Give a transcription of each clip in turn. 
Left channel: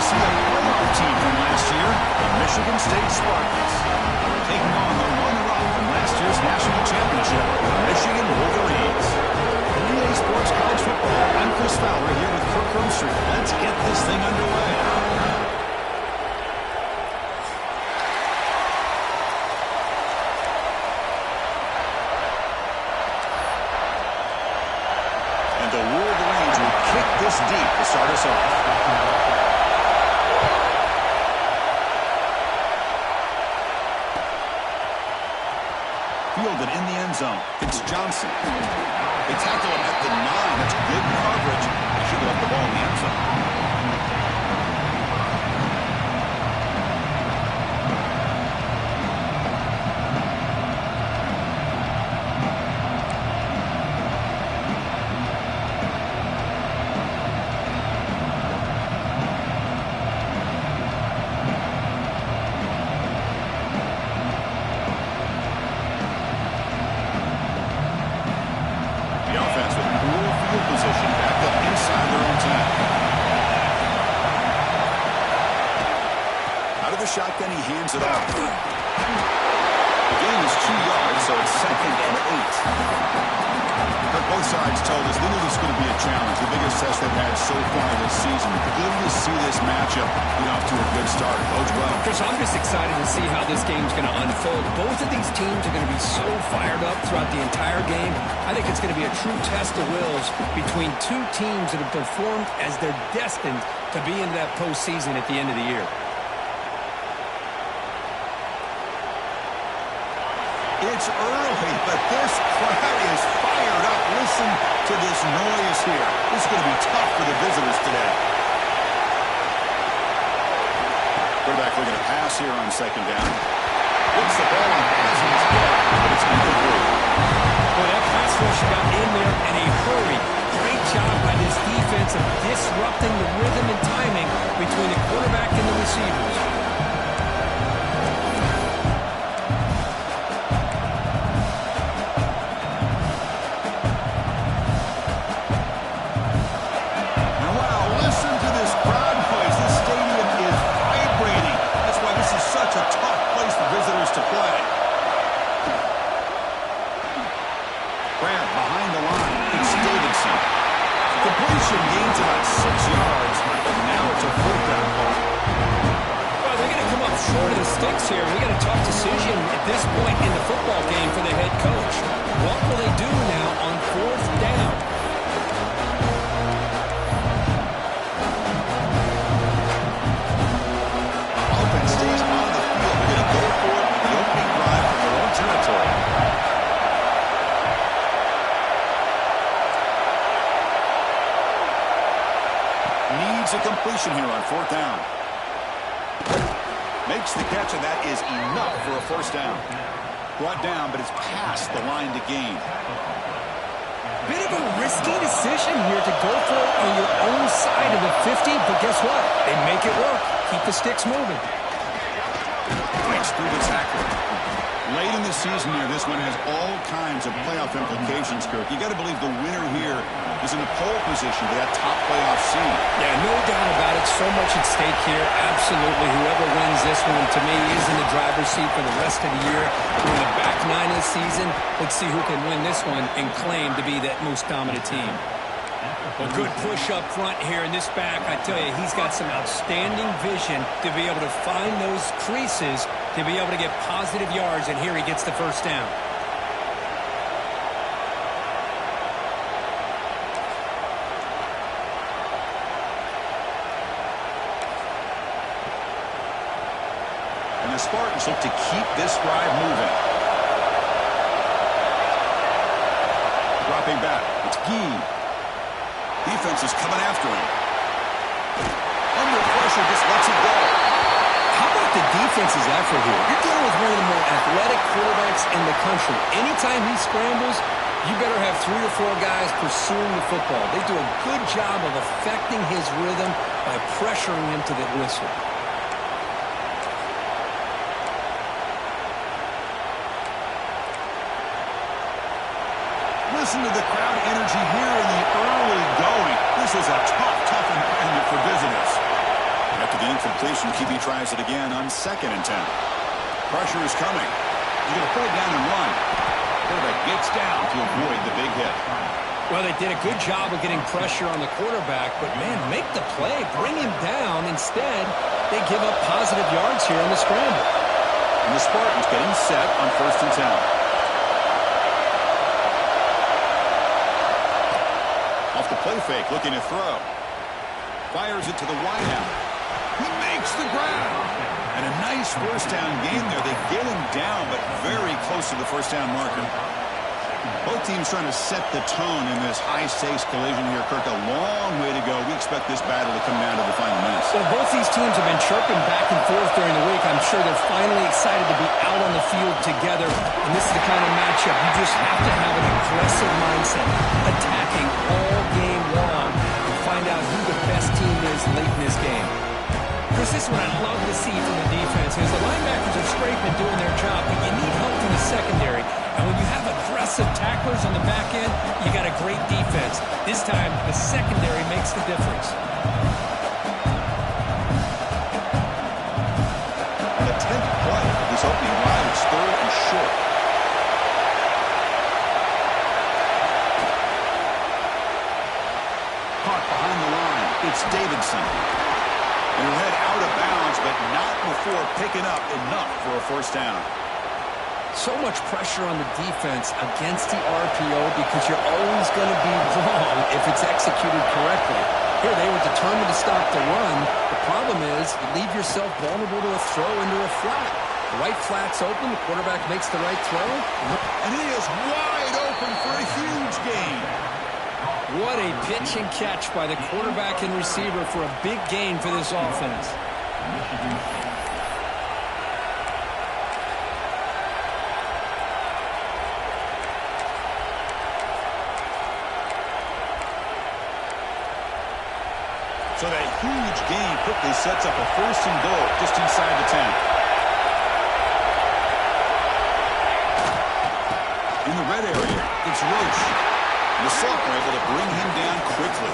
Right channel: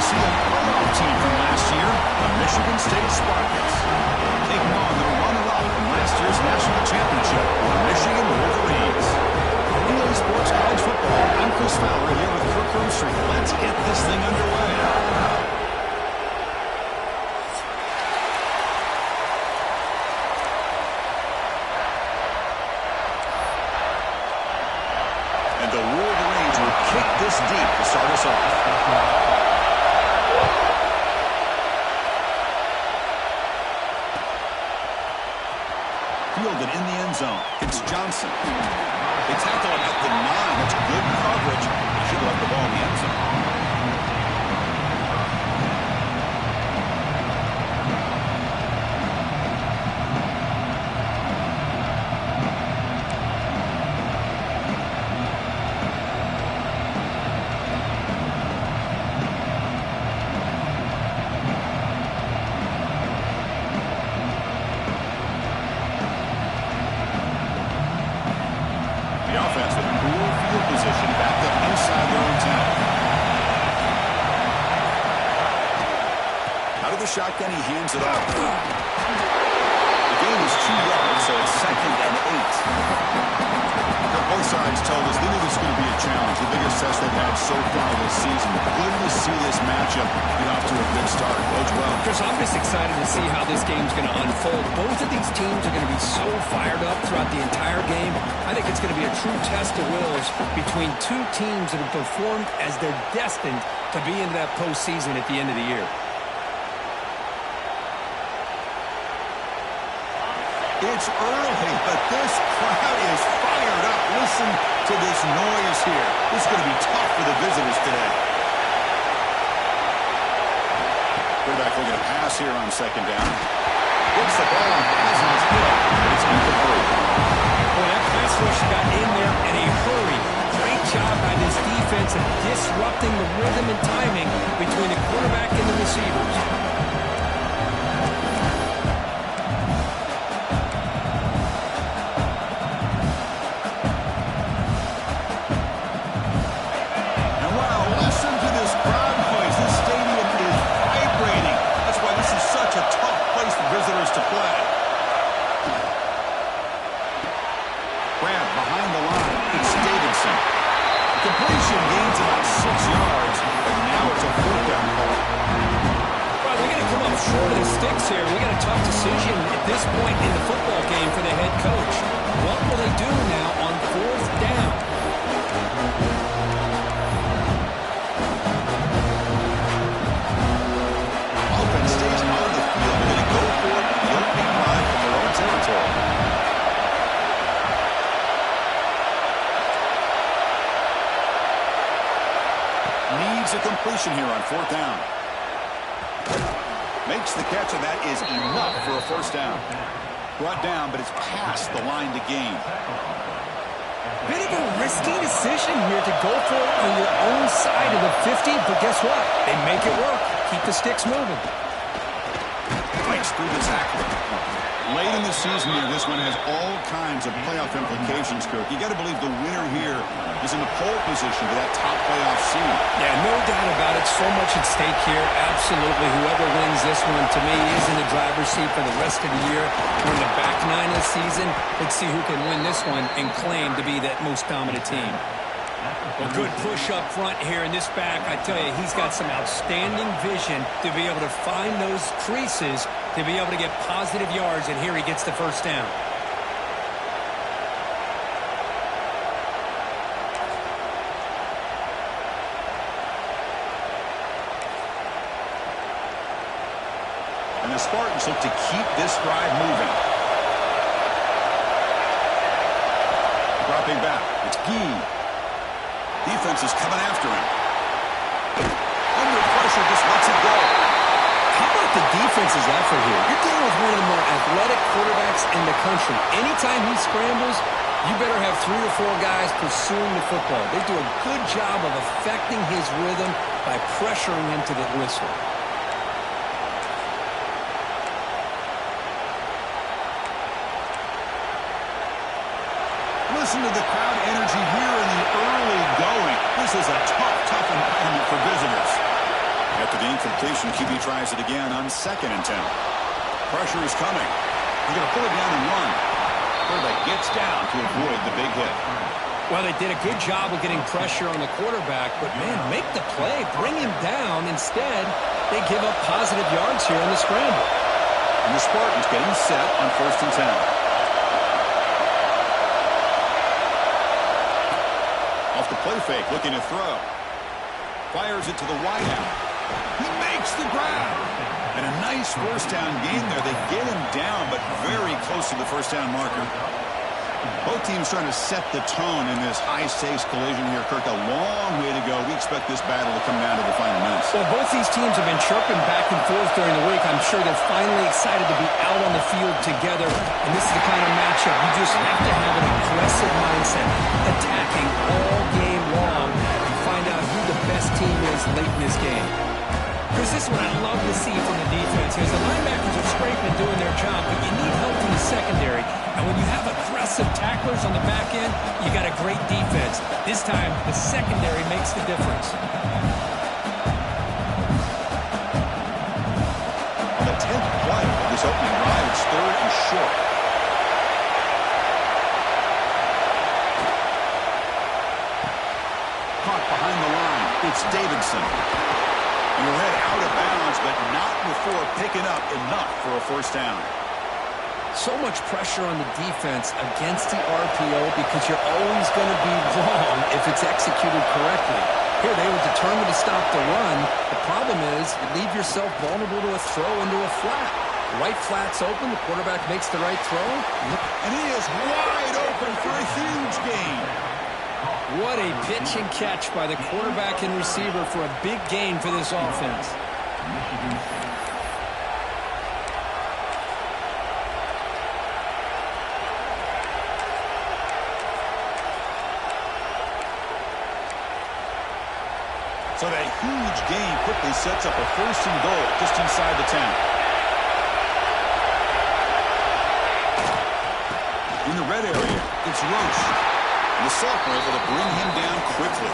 we'll see a playoff team from last year, the Michigan State Spartans, taking on the runner-up from last year's national championship, the Michigan Wolverines. For EA Sports College Football, I'm Chris Fowler here with Kirk Herbstreit. Let's get this thing underway. And the Wolverines will kick this deep to start us off. Fielded in the end zone. It's Johnson. They tackle him at the 9. That's good coverage. They should have left the ball in the end zone. The offense with poor field position back up inside their own 10. Out of the shotgun, he hands it off. The gain is 2 yards, so it's 2nd and 8. Both sides told us they knew this was going to be a challenge, the biggest test they've had so far this season. Good to see this matchup get off to a good start. Bodes well. Chris, I'm just excited to see how this game's going to unfold. Both of these teams are going to be so fired up throughout the entire game. I think it's going to be a true test of wills between two teams that have performed as they're destined to be into that postseason at the end of the year. It's early, but this crowd is fired up. Listen to this noise here. This is going to be tough for the visitors today. Quarterback looking to pass here on 2nd down. Gets the ball on as he's hit, but it's incomplete. Boy, that pass rush got in there in a hurry. Great job by this defense of disrupting the rhythm and timing between the quarterback and the receivers. Listen to this crowd noise. This stadium is vibrating. That's why this is such a tough place for visitors to play. Grab behind the line. It's Davidson. Completion gains about 6 yards, but now it's a 4th down call. Well, they're going to come up short of the sticks here. We got a tough decision at this point in the football game for the head coach. What will they do now on 4th down? Offense stays on the field. They're going to go for it in the opening drive from their own territory. Needs a completion here on 4th down. Makes the catch, and that is enough for a 1st down. Brought down, but it's past the line to gain. Bit of a risky decision here to go for it on your own side of the 50, but guess what? They make it work. Keep the sticks moving. Fights through the tackler. Late in the season here, this one has all kinds of playoff implications, Kirk. You got to believe the winner here is in the pole position for that top playoff seed. Yeah, no doubt about it. So much at stake here. Absolutely. Whoever wins this one, to me, is in the driver's seat for the rest of the year. We're in the back 9 of the season. Let's see who can win this one and claim to be that most dominant team. Well, good push up front here in this back. I tell you, he's got some outstanding vision to be able to find those creases, to be able to get positive yards, and here he gets the 1st down. And the Spartans look to keep this drive moving. Dropping back, it's Gee. Defense is coming after him. Under pressure, just lets it go. How about the defensive effort here? You're dealing with one of the more athletic quarterbacks in the country. Anytime he scrambles, you better have 3 or 4 guys pursuing the football. They do a good job of affecting his rhythm by pressuring him to the whistle. Listen to the crowd energy here in the early going. This is a tough environment for visitors. At After the incompletion, QB tries it again on 2nd and 10. Pressure is coming. He's going to pull it down and run. Quarterback gets down to avoid the big hit. Well, they did a good job of getting pressure on the quarterback, but, man, make the play. Bring him down. Instead, they give up positive yards here on the scramble. And the Spartans getting set on 1st and 10. Off the play fake, looking to throw. Fires it to the wideout. He makes the grab. And a nice first down gain there. They get him down, but very close to the first down marker. Both teams trying to set the tone in this high-stakes collision here. Kirk, a long way to go. We expect this battle to come down to the final minutes. Well, both these teams have been chirping back and forth during the week. I'm sure they're finally excited to be out on the field together. And this is the kind of matchup you just have to have an aggressive mindset, attacking all game long, and find out who the best team is late in this game. Chris, this is what I love to see from the defense. Because the linebackers are scraping, doing their job, but you need help from the secondary. And when you have aggressive tacklers on the back end, you got a great defense. This time, the secondary makes the difference. On the 10th play of this opening drive, it's 3rd and short. Caught behind the line. It's Davidson. And he'll head out of bounds, but not before picking up enough for a first down. So much pressure on the defense against the RPO because you're always going to be wrong if it's executed correctly. Here, they were determined to stop the run. The problem is you leave yourself vulnerable to a throw into a flat. The right flat's open. The quarterback makes the right throw. And he is wide open for a huge gain. What a pitch and catch by the quarterback and receiver for a big gain for this offense. So that huge gain quickly sets up a 1st and goal just inside the 10. In the red area, it's Roche. The Sophomore able to bring him down quickly.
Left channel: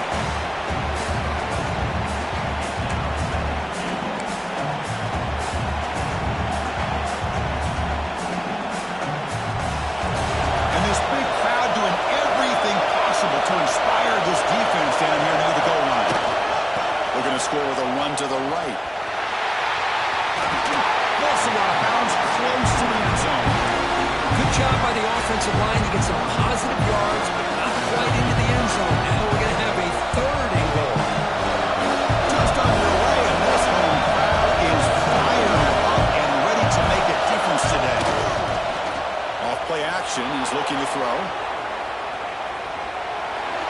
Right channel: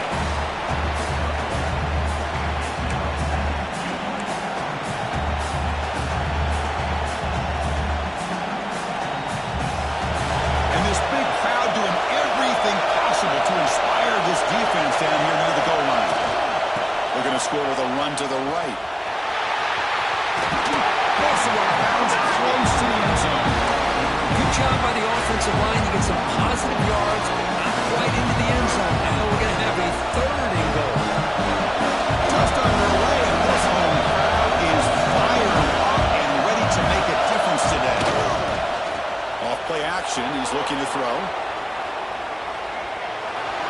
And this big crowd doing everything possible to inspire this defense down here near the goal line. We're going to score with a run to the right. Also out of bounds, close to the end zone. Good job by the offensive line. You get some positive yards, but not quite into the end zone. Now we're going to have a 3rd and goal. Just underway, and this home crowd is fired up and ready to make a difference today. Off play action, he's looking to throw.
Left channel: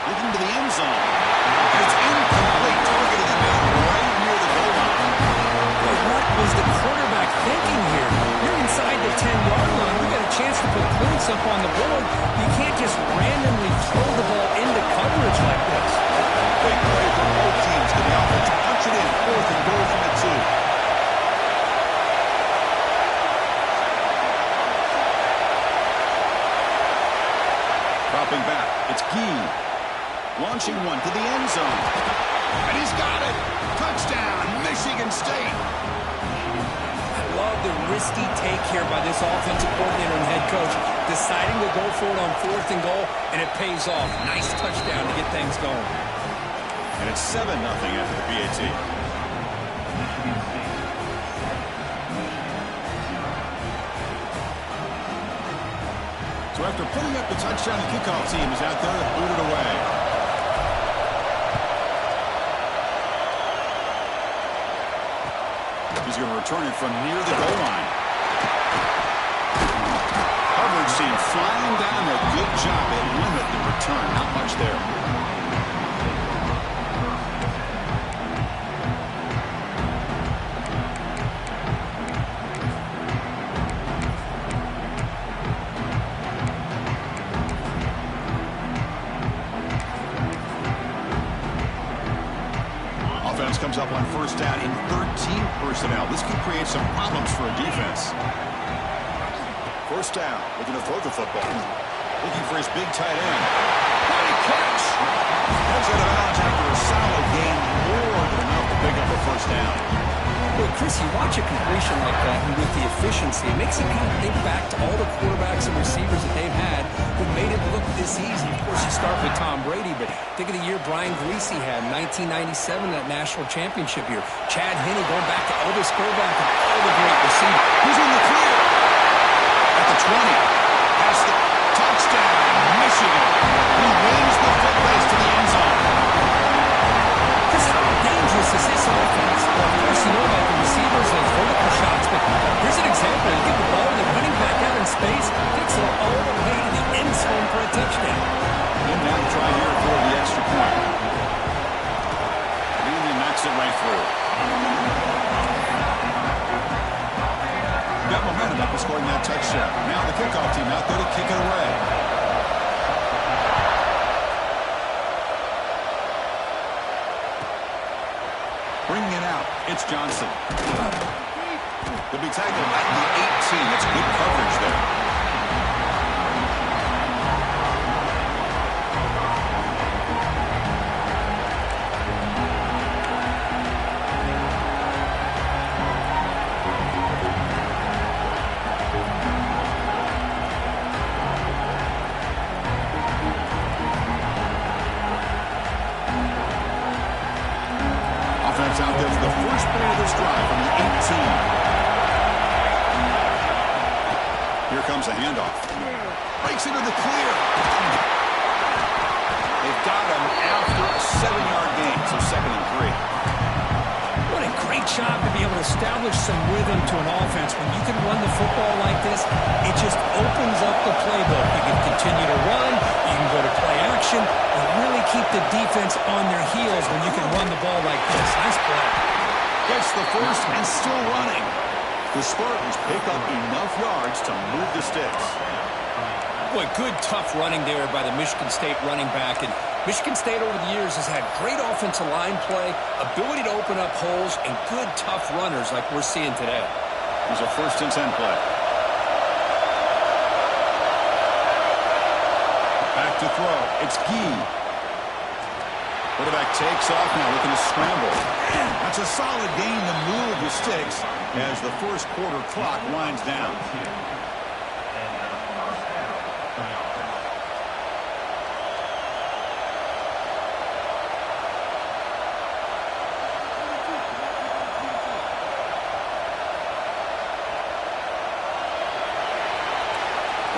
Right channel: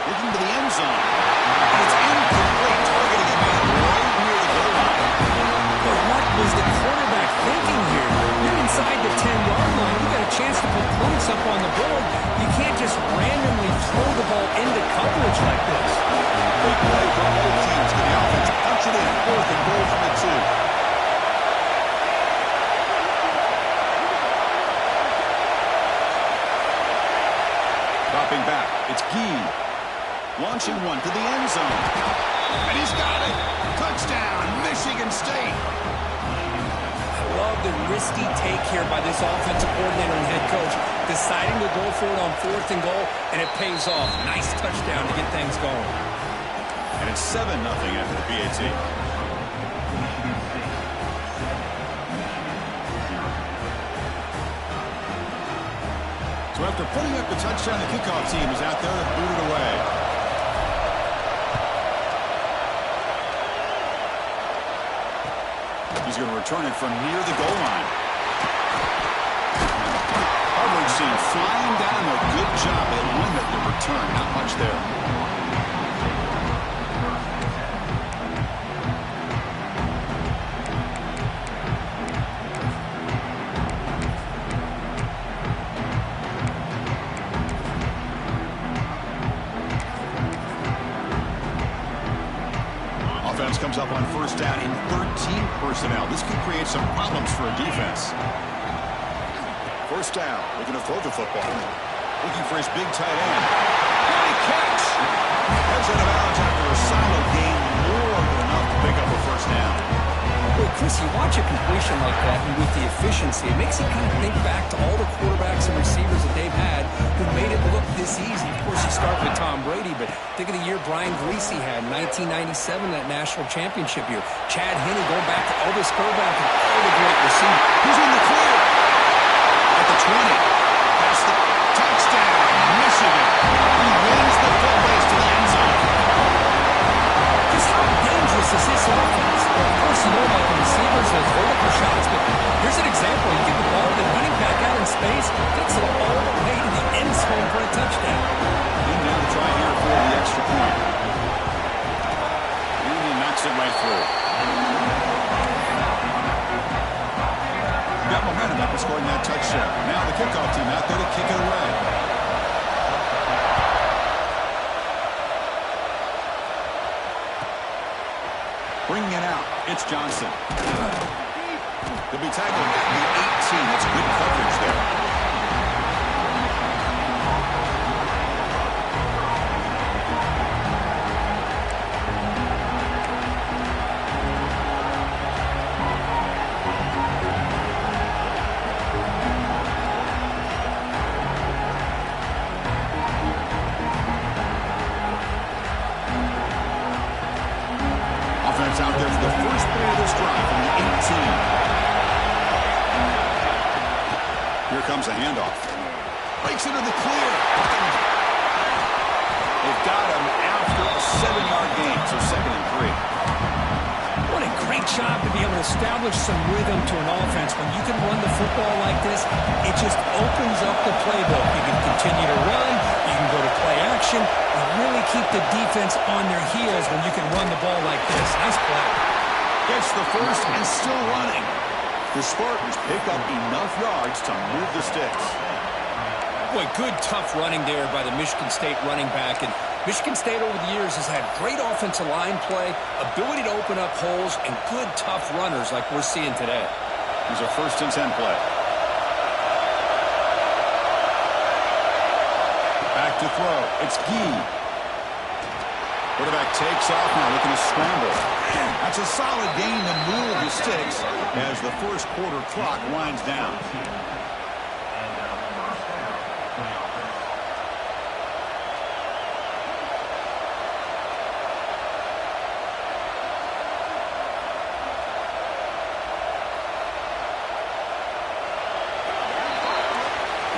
Looking to the end zone. And it's incomplete, targeting a man right near the goal line. But what was the quarterback thinking here? You're inside the 10-yard line. You got a chance to put points up on the board. You can't just randomly throw the ball into coverage like this. Big play for both teams. Get the offense punch it in. 4th and goal from the 2. Dropping back. It's Gee. Launching one to the end zone. And he's got it. Touchdown, Michigan State. I love the risky take here by this offensive coordinator and head coach, deciding to go for it on 4th and goal, and it pays off. Nice touchdown to get things going. And it's 7-0 after the PAT. So after putting up the touchdown, the kickoff team is out there to boot it away. He's going to return it from near the goal line. Coverage team flying down there. Good job. They limit the return. Not much there. Offense comes up on 1st down in 13 personnel. This can create some problems for a defense. 1st down, looking to throw the football. Looking for his big tight end. What a catch! Heads out of bounds after a solid gain, more than enough to pick up a first down. Well, Chris, you watch a completion like that, and with the efficiency, it makes you kind of think back to all the quarterbacks and receivers that they've had who made it look this easy. Of course, you start with Tom Brady, but think of the year Brian Griese had in 1997, that national championship year. Chad Henne going back to Elvis Grbac and all the great receivers. He's in the clear. At the 20. Past the touchdown, Michigan. He wins the foot race to the end zone. Chris, how dangerous is this offense? Well, of course, you know about the receivers, those vertical shots, but here's an example. You give the ball to the running back out in space, takes it all the way to the end zone for a touchdown. And now to try here for the extra point. And he knocks it right through. Got momentum after scoring that touchdown. Now the kickoff team out there to kick it away. Bringing it out, it's Johnson. He'll be tackled at the 18. That's good coverage there. Out there for the first play of this drive from the 18. Here comes a handoff. Breaks into the clear. They've got him after a 7-yard gain, so 2nd and 3. What a great job to be able to establish some rhythm to an offense. When you can run the football like this, it just opens up the playbook. You can continue to run, you can go to play action, and really keep the defense on their heels when you can run the ball like this. Nice play. Gets the first and still running. The Spartans pick up enough yards to move the sticks. Boy, good tough running there by the Michigan State running back. And Michigan State over the years has had great offensive line play, ability to open up holes, and good tough runners like we're seeing today. Here's a 1st and 10 play. Back to throw. It's Gee. Quarterback takes off now, looking to scramble. That's a solid gain to move the sticks as the first quarter clock winds down.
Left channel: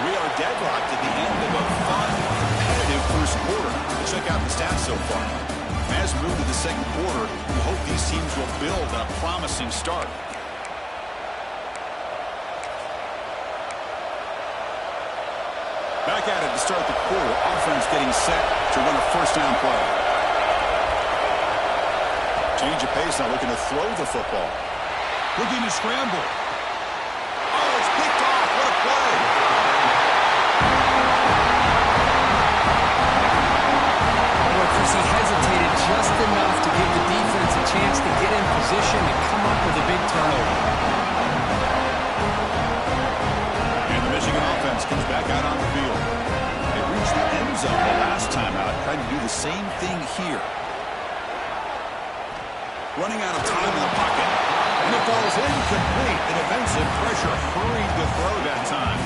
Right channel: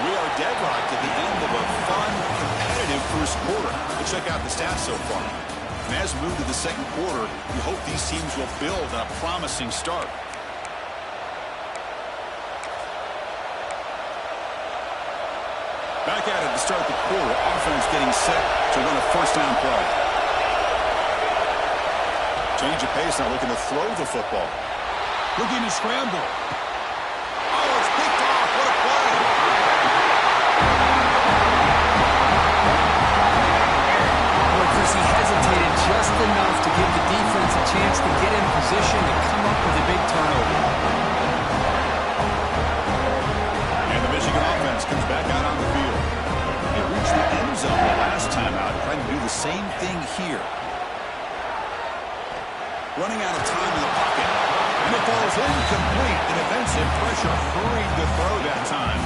We are deadlocked at the end of a fun, competitive first quarter. Let's check out the stats so far. And as we move to the second quarter, we hope these teams will build on a promising start. Back at it to start the quarter. Offense getting set to run a first down play. Change of pace now, looking to throw the football. Looking to scramble. Oh, it's picked off. What a play. Chris, he hesitated just enough to give the defense a chance to get in position and come up with a big turnover. And the Michigan offense comes back out on the field. They reached the end zone the last time out, trying to do the same thing here. Running out of time in the pocket. And it falls incomplete. The defensive pressure hurried the throw that time.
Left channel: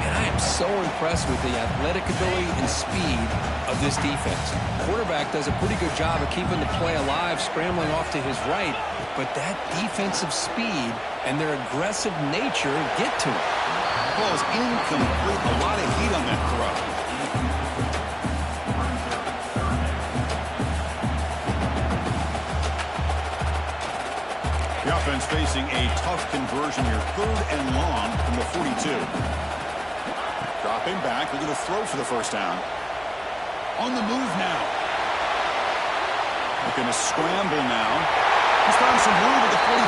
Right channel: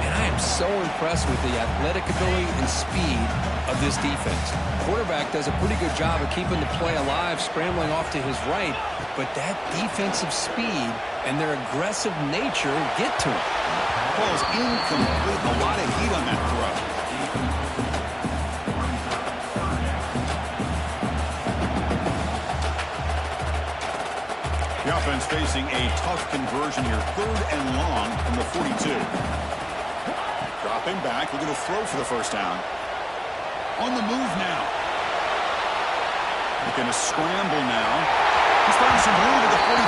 Man, I am so impressed with the athletic ability and speed of this defense. Quarterback does a pretty good job of keeping the play alive, scrambling off to his right, but that defensive speed and their aggressive nature get to him. Falls incomplete. A lot of heat on that throw. The offense facing a tough conversion here. 3rd and long from the 42. Dropping back, looking to throw for the first down. On the move now. Looking to scramble now. He's found some room at the 45.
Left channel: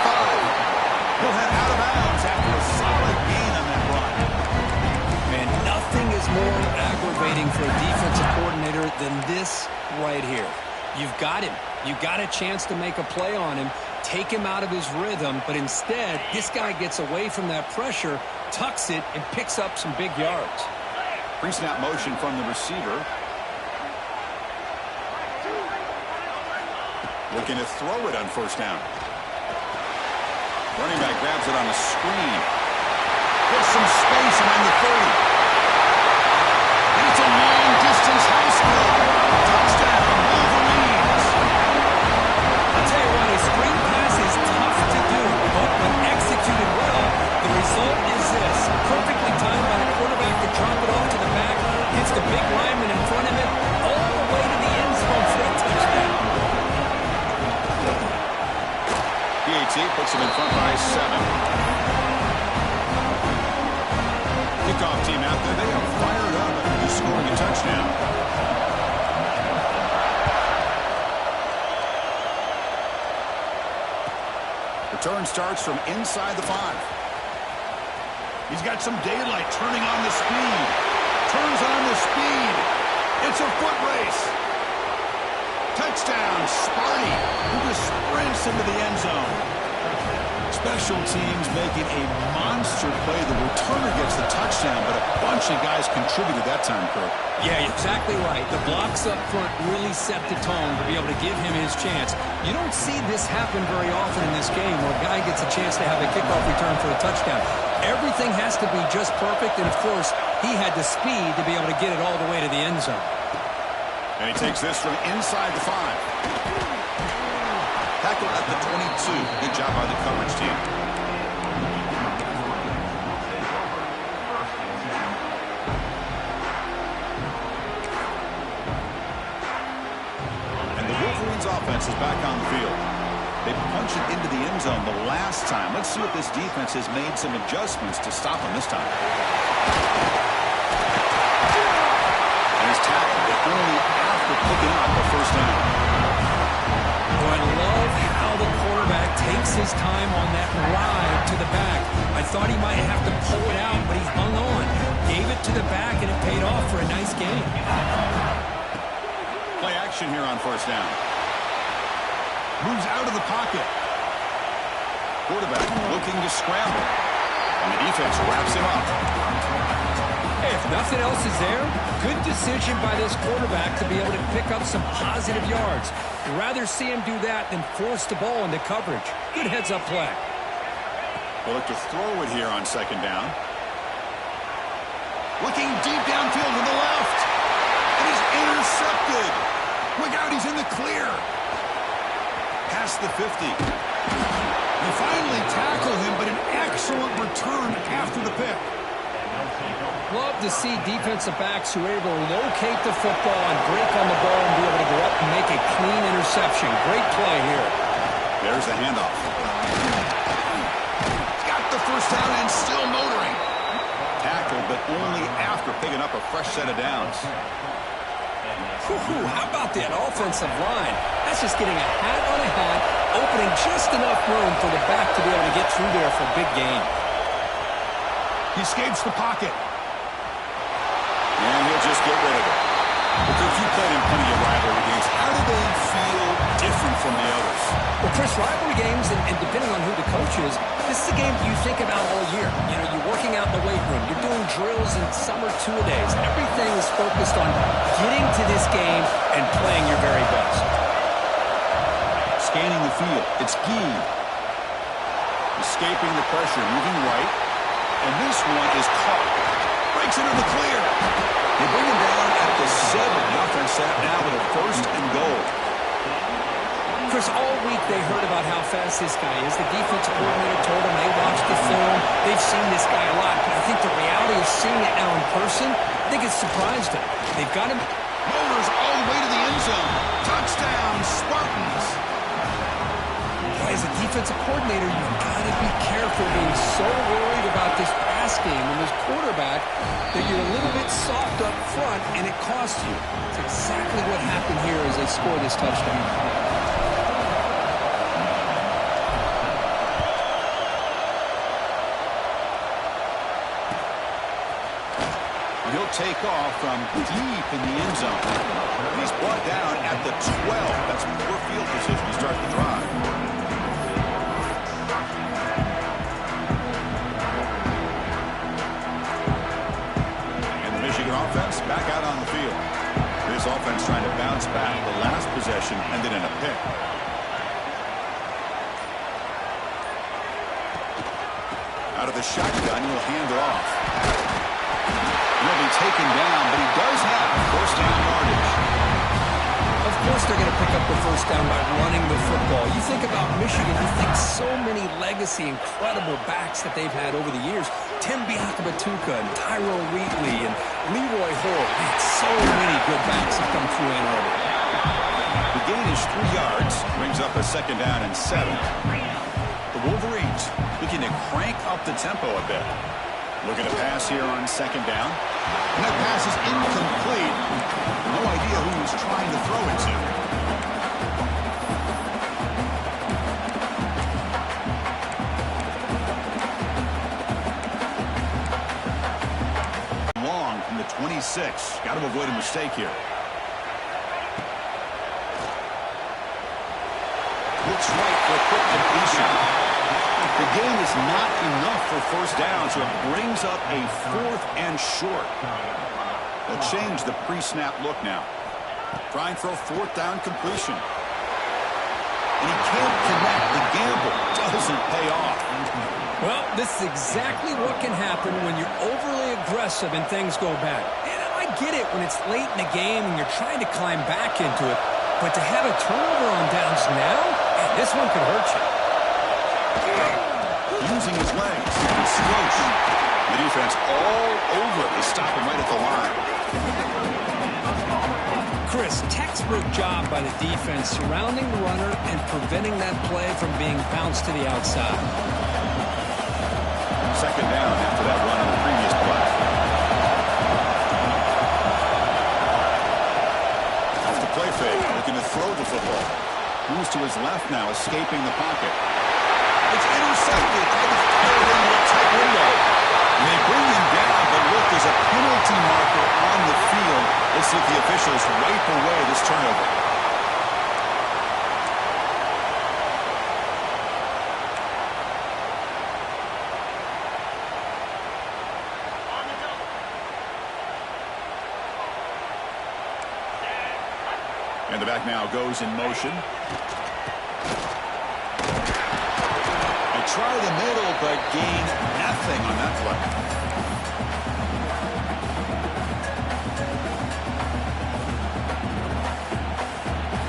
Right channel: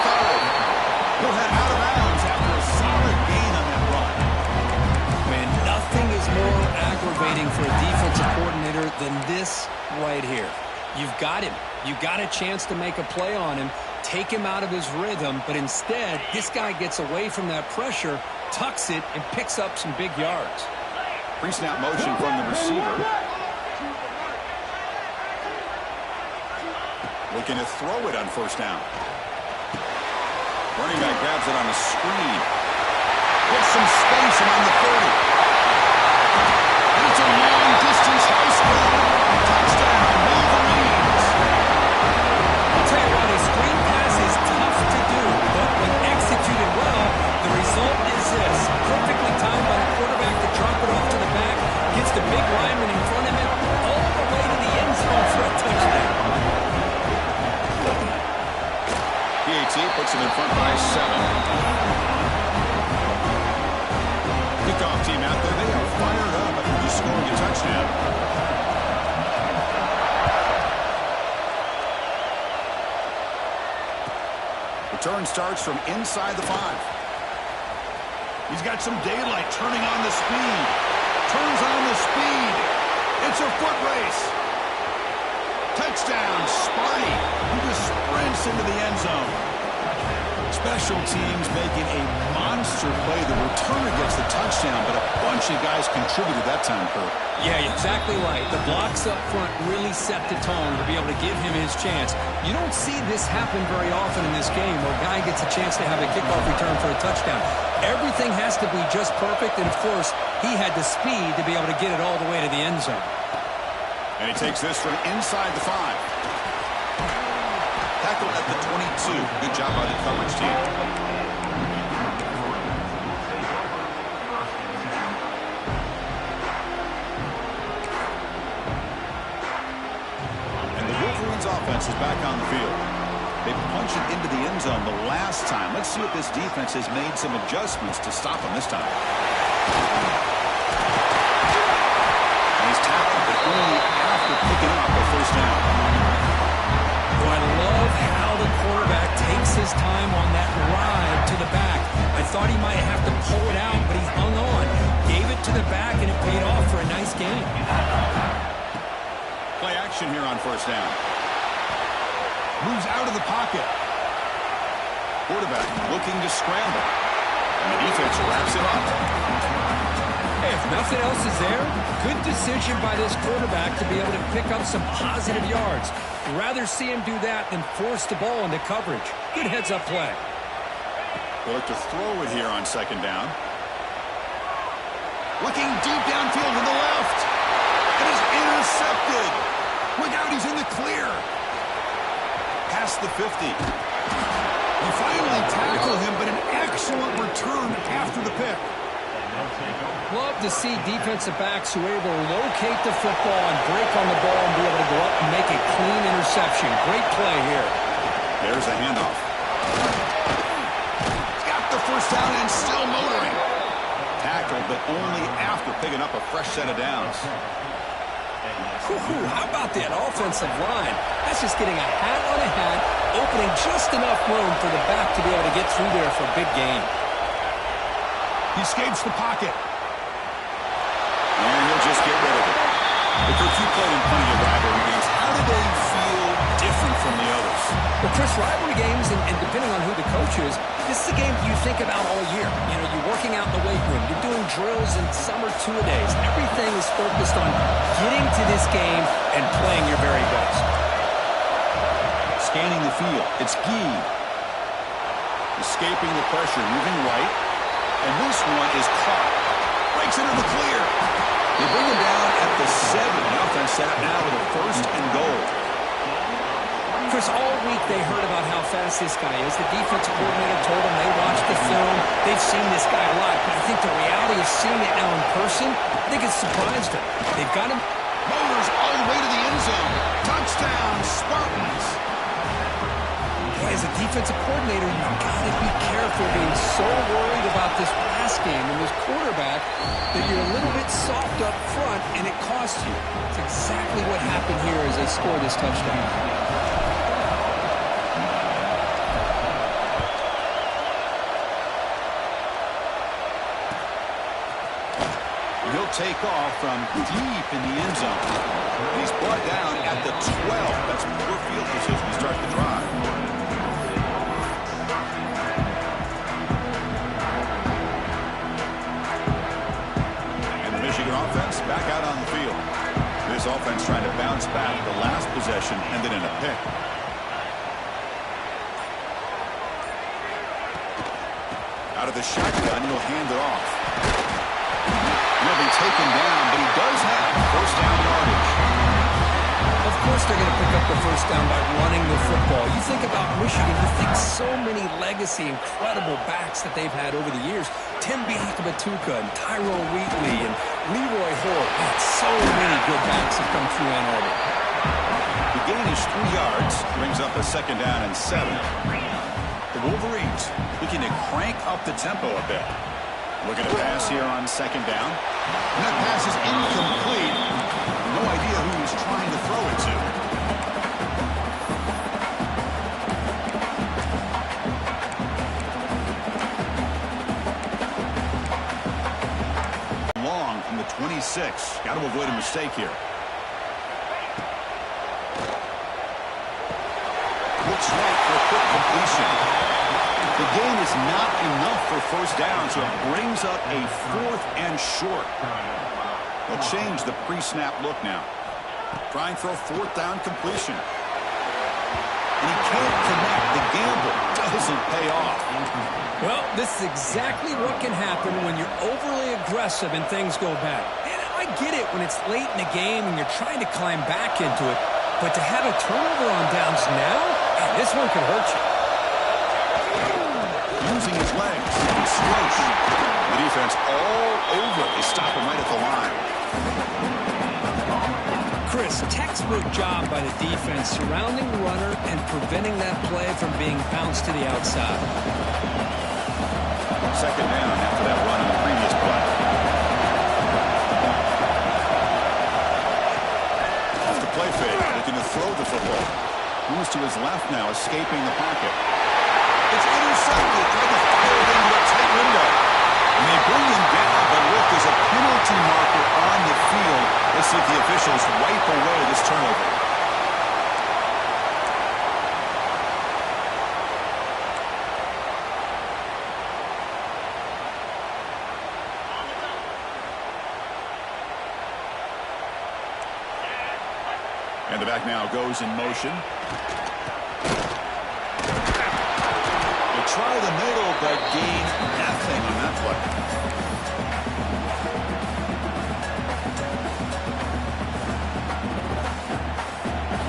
He'll head out of bounds after a solid gain on that run. Man, nothing is more aggravating for a defensive coordinator than this right here. You've got him. You got a chance to make a play on him, take him out of his rhythm, but instead, this guy gets away from that pressure, tucks it, and picks up some big yards. Pre-snap motion from the receiver. Looking to throw it on first down. Running back grabs it on a screen. Gets some space among the 30. And it's a long-distance high school. Touchdown, Wolverines. I'll tell you what, a screen pass is tough to do, but when executed well, the result is this. Perfectly timed by the quarterback to drop it off to the back, gets the big lineman in front of it, all the way to the end zone for a touchdown. PAT puts him in front by 7. Kickoff team out there, they are fired up after just scoring a touchdown. Return starts from inside the 5. He's got some daylight, turning on the speed. Turns on the speed. It's a foot race. Touchdown, Sparty, who just sprints into the end zone. Special teams making a monster play. The returner gets the touchdown, but a bunch of guys contributed that time, Kurt. Yeah, exactly right. The blocks up front really set the tone to be able to give him his chance. You don't see this happen very often in this game where a guy gets a chance to have a kickoff return for a touchdown. Everything has to be just perfect, and of course, he had the speed to be able to get it all the way to the end zone. And he takes this from inside the 5. Tackled at the 22. Good job by the coverage team. And the Wolverines offense is back on the field. They punched it into the end zone the last time. Let's see if this defense has made some adjustments to stop them this time. And he's tackled, but only after picking up a first down. Oh, I love how the quarterback takes his time on that ride to the back. I thought he might have to pull it out, but he hung on. Gave it to the back, and it paid off for a nice gain. Play action here on first down. Moves out of the pocket. Quarterback looking to scramble. And the defense wraps him up. Hey, if nothing else is there, good decision by this quarterback to be able to pick up some positive yards. Rather see him do that than force the ball into coverage. Good heads-up play. They'll look to throw it here on second down. Looking deep downfield to the left. It is intercepted. Look out, he's in the clear. Past the 50. They finally tackle him, but an excellent return after the pick. Love to see defensive backs who are able to locate the football and break on the ball and be able to go up and make a clean interception. Great play here. There's the handoff. Got the first down and still motoring. Tackled, but only after picking up a fresh set of downs. How about that offensive line? That's just getting a hat on a hat, opening just enough room for the back to be able to get through there for a big gain. He escapes the pocket. And he'll just get rid of it. But Kirk, you played in plenty of rivalry games. How do they feel different from the others? Well, Chris, rivalry games, and depending on who the coach is, this is a game you think about all year. You know, you're working out in the weight room. You're doing drills in summer two-a-days. Everything is focused on getting to this game and playing your very best. Scanning the field. It's Gee. Escaping the pressure, moving right. And this one is caught. Breaks into the clear. They bring him down at the 7. The offense set up now with a first and goal. Chris, all week they heard about how fast this guy is. The defensive coordinator told them they watched the film. They've seen this guy a lot. But I think the reality of seeing it now in person, I think it's surprised them. They've got him. Motors all the way to the end zone. Touchdown, Spartans. Boy, as a defensive coordinator, you've got to be careful being so worried about this pass game and this quarterback that you're a little bit soft up front and it costs you. It's exactly what happened here as they score this touchdown. He'll take off from deep in the end zone. He's brought down at the 12. That's poor field position to start the drive. And the Michigan offense back out on the field. This offense trying to bounce back. The last possession ended in a pick. Out of the shotgun, he'll hand it off. He'll be taken down, but he does have first down yardage. Of course they're going to pick up the first down by running the football. You think about Michigan, you think so many legacy, incredible backs that they've had over the years. Tim Biakabatuka and Tyrone Wheatley and Leroy Hoare. Man, so many good backs have come through Ann Arbor. The gain is 3 yards, brings up a second down and 7. The Wolverines looking to crank up the tempo a bit. Looking to pass here on second down. And that pass is incomplete. No idea who he's trying to throw it to. Long from the 26. Got to avoid a mistake here. Looks right for a quick completion. The gain is not enough for first down, so it brings up a 4th and short. They'll change the pre-snap look now. Trying for a 4th down completion. And he can't connect. The gamble doesn't pay off. Well, this is exactly what can happen when you're overly aggressive and things go bad. And I get it when it's late in the game and you're trying to climb back into it. But to have a turnover on downs now, man, this one could hurt you. Using his legs. It's Stroach. The defense all over. They stop him right at the line. Chris, textbook job by the defense surrounding the runner and preventing that play from being bounced to the outside. Second down after that run on the previous play. Off the play fake. Looking to throw the football. Moves to his left now, escaping the pocket. It's intercepted. Tried to fire it into a tight window. And they bring him down, but look, there's a penalty marker on the field. Let's see if the officials wipe away this turnover. And the back now goes in motion. Try the middle, but gain nothing on that play.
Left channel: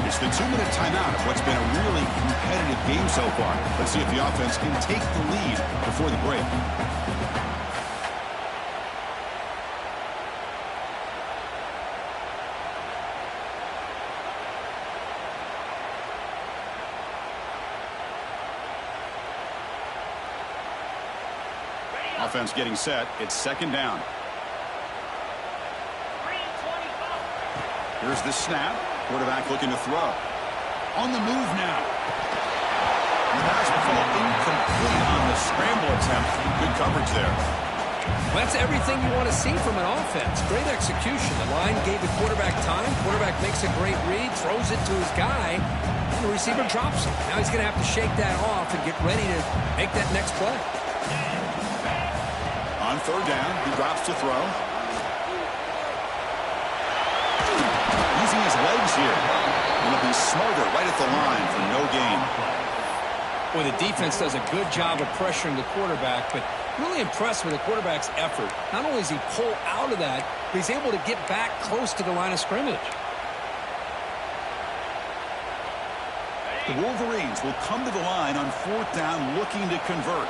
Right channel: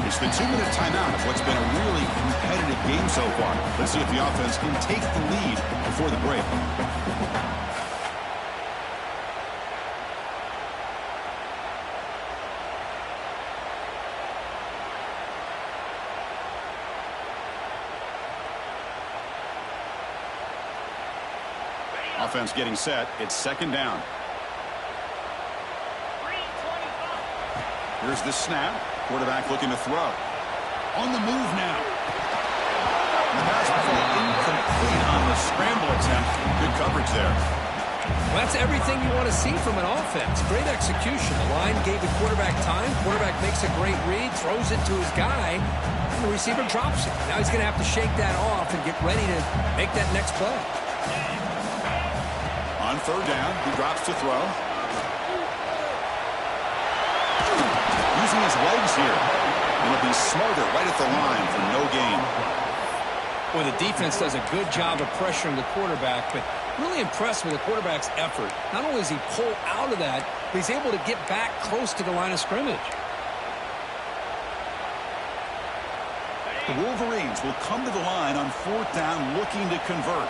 It's the 2-minute timeout of what's been a really competitive game so far. Let's see if the offense can take the lead before the break. Offense getting set. It's second down. Here's the snap. Quarterback looking to throw. On the move now. The pass will fall incomplete on the scramble attempt. Good coverage there. Well, that's everything you want to see from an offense. Great execution. The line gave the quarterback time. Quarterback makes a great read, throws it to his guy, and the receiver drops it. Now he's going to have to shake that off and get ready to make that next play. On third down, he drops to throw. Using his legs here. He'll be smarter right at the line for no gain. Well, the defense does a good job of pressuring the quarterback, but really impressed with the quarterback's effort. Not only does he pull out of that, but he's able to get back close to the line of scrimmage. The Wolverines will come to the line on fourth down looking to convert.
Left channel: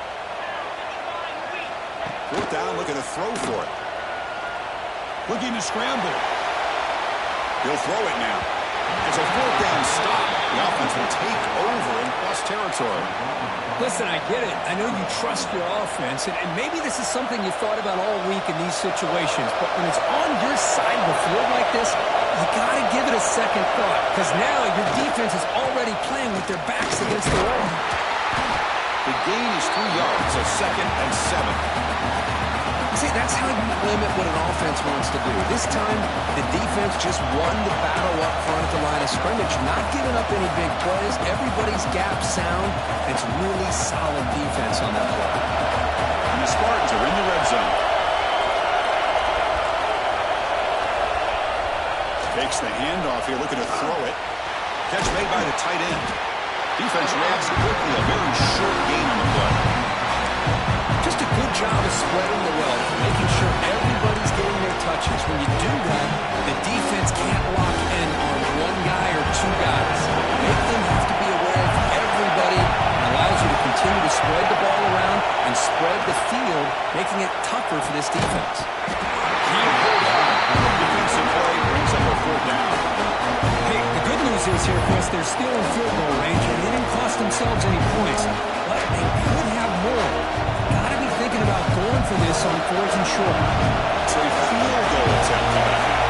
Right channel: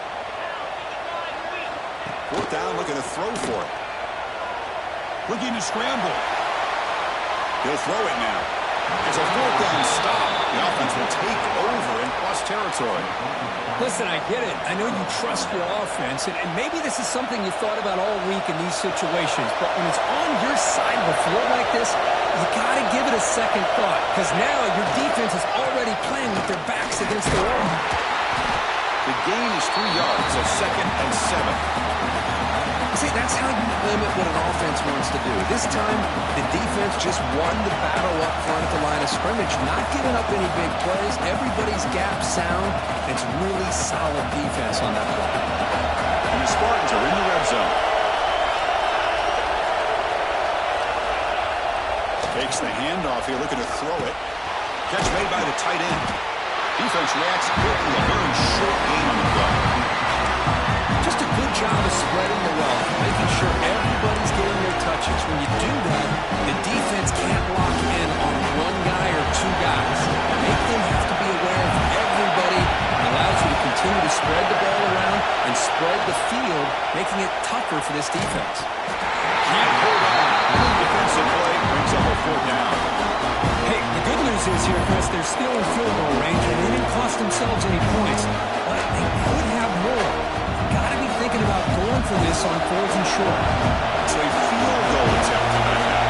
Fourth down, looking to throw for it. Looking to scramble. He'll throw it now. It's a fourth down stop. The offense will take over in plus territory. Listen, I get it. I know you trust your offense, and maybe this is something you thought about all week in these situations, but when it's on your side of the field like this, you got to give it a second thought, because now your defense is already playing with their backs against the wall. The gain is 3 yards, so second and 7. See, that's how you limit what an offense wants to do. This time, the defense just won the battle up front at the line of scrimmage, not giving up any big plays. Everybody's gap sound. It's really solid defense on that play. And the Spartans are in the red zone. Takes the handoff here, looking to throw it. Catch made by the tight end. Defense reacts quickly, a very short gain on the play. Just a good job of spreading the wealth, making sure everybody's getting their touches. When you do that, the defense can't lock in on one guy or two guys. Make them have to be aware of everybody. It allows you to continue to spread the ball around and spread the field, making it tougher for this defense. Can't hold on. Good defensive play brings up a 4th down. Hey, the good news is here, Chris, they're still in field goal range, and they didn't cost themselves any points, but they could have more. Got to be thinking about going for this on 4th and short. So a field goal attempt coming up now.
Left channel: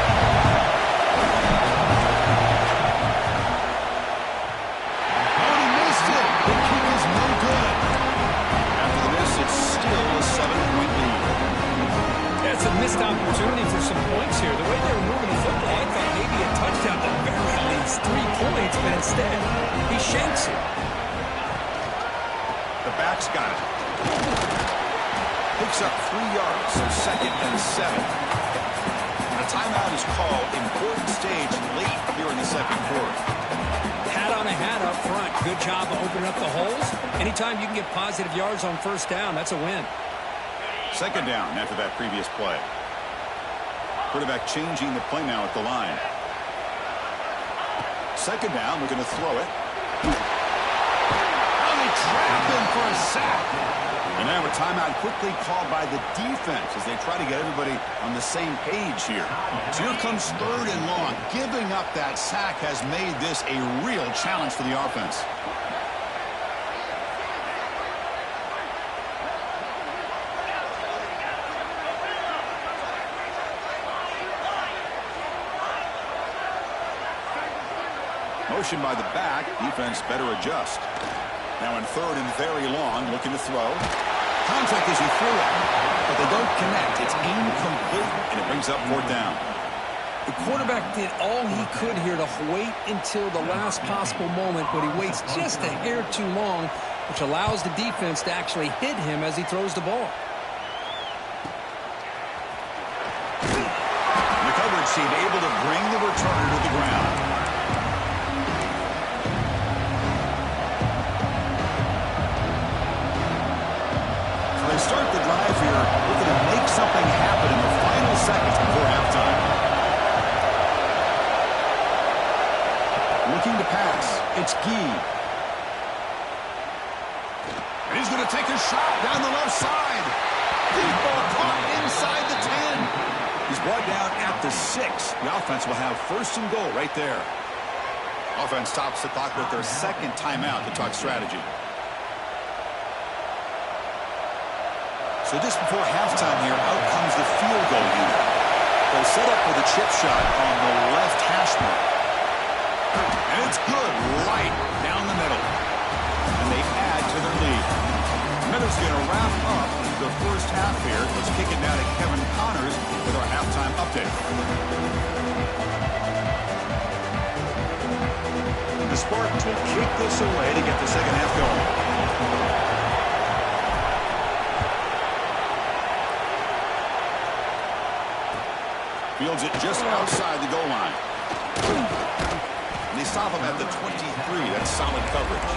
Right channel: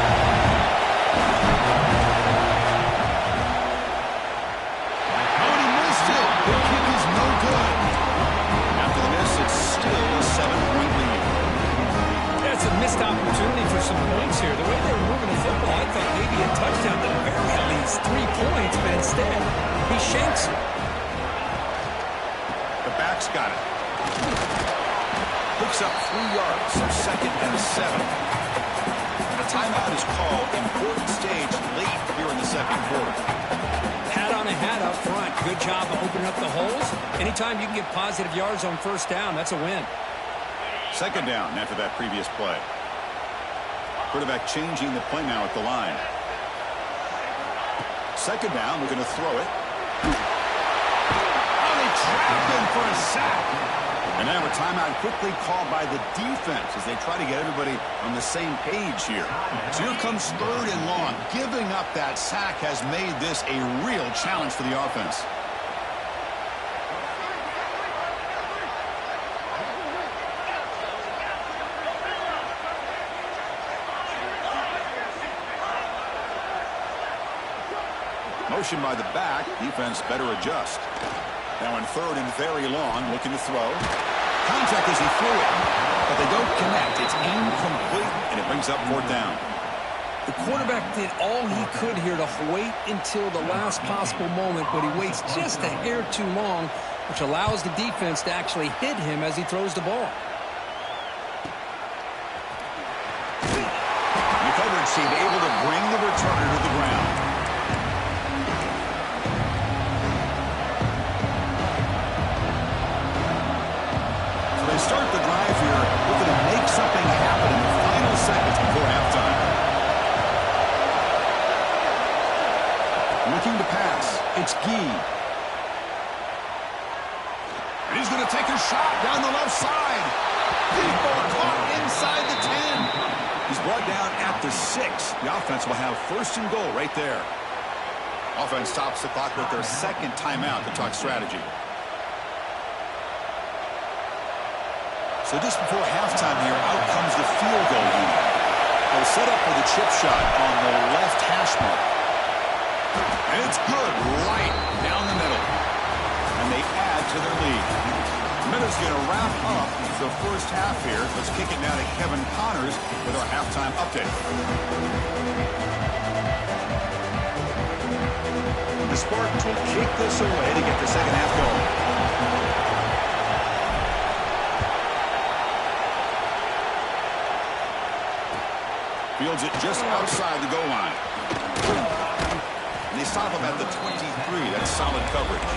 Oh, and he missed it. The kick is no good. After the miss, it's still a 7-point lead. Yeah, it's a missed opportunity for some points here. The way they were moving the football, I thought maybe a touchdown at the very least. 3 points, but instead, he shanks it. The back's got it. Picks up 3 yards, so 2nd and 7. And a timeout is called. Important stage late here in the 2nd quarter. Hat on a hat up front. Good job of opening up the holes. Anytime you can get positive yards on 1st down, that's a win. 2nd down after that previous play. Quarterback changing the play now at the line. 2nd down, we're going to throw it. Oh, they trap him for a sack. And now a timeout quickly called by the defense as they try to get everybody on the same page here. So here comes 3rd and long. Giving up that sack has made this a real challenge for the offense. Motion by the back. Defense better adjust. Now in 3rd and very long, looking to throw. Contact as he threw it, but they don't connect. It's incomplete, and it brings up 4th down. The quarterback did all he could here to wait until the last possible moment, but he waits just a hair too long, which allows the defense to actually hit him as he throws the ball. The coverage team able to bring the returner to the ground. They start the drive here, looking to make something happen in the final seconds before halftime. Looking to pass. It's Gee. And he's going to take a shot down the left side. Deep ball caught inside the 10. He's brought down at the 6. The offense will have 1st and goal right there. Offense stops the clock with their 2nd timeout to talk strategy. So just before halftime here, out comes the field goal unit. They'll set up for the chip shot on the left hash mark. And it's good right down the middle. And they add to their lead. Miller's going to wrap up the 1st half here. Let's kick it now to Kevin Connors with our halftime update. The Spartans will kick this away to get the 2nd half going. Fields it just outside the goal line. And they stop him at the 23. That's solid coverage.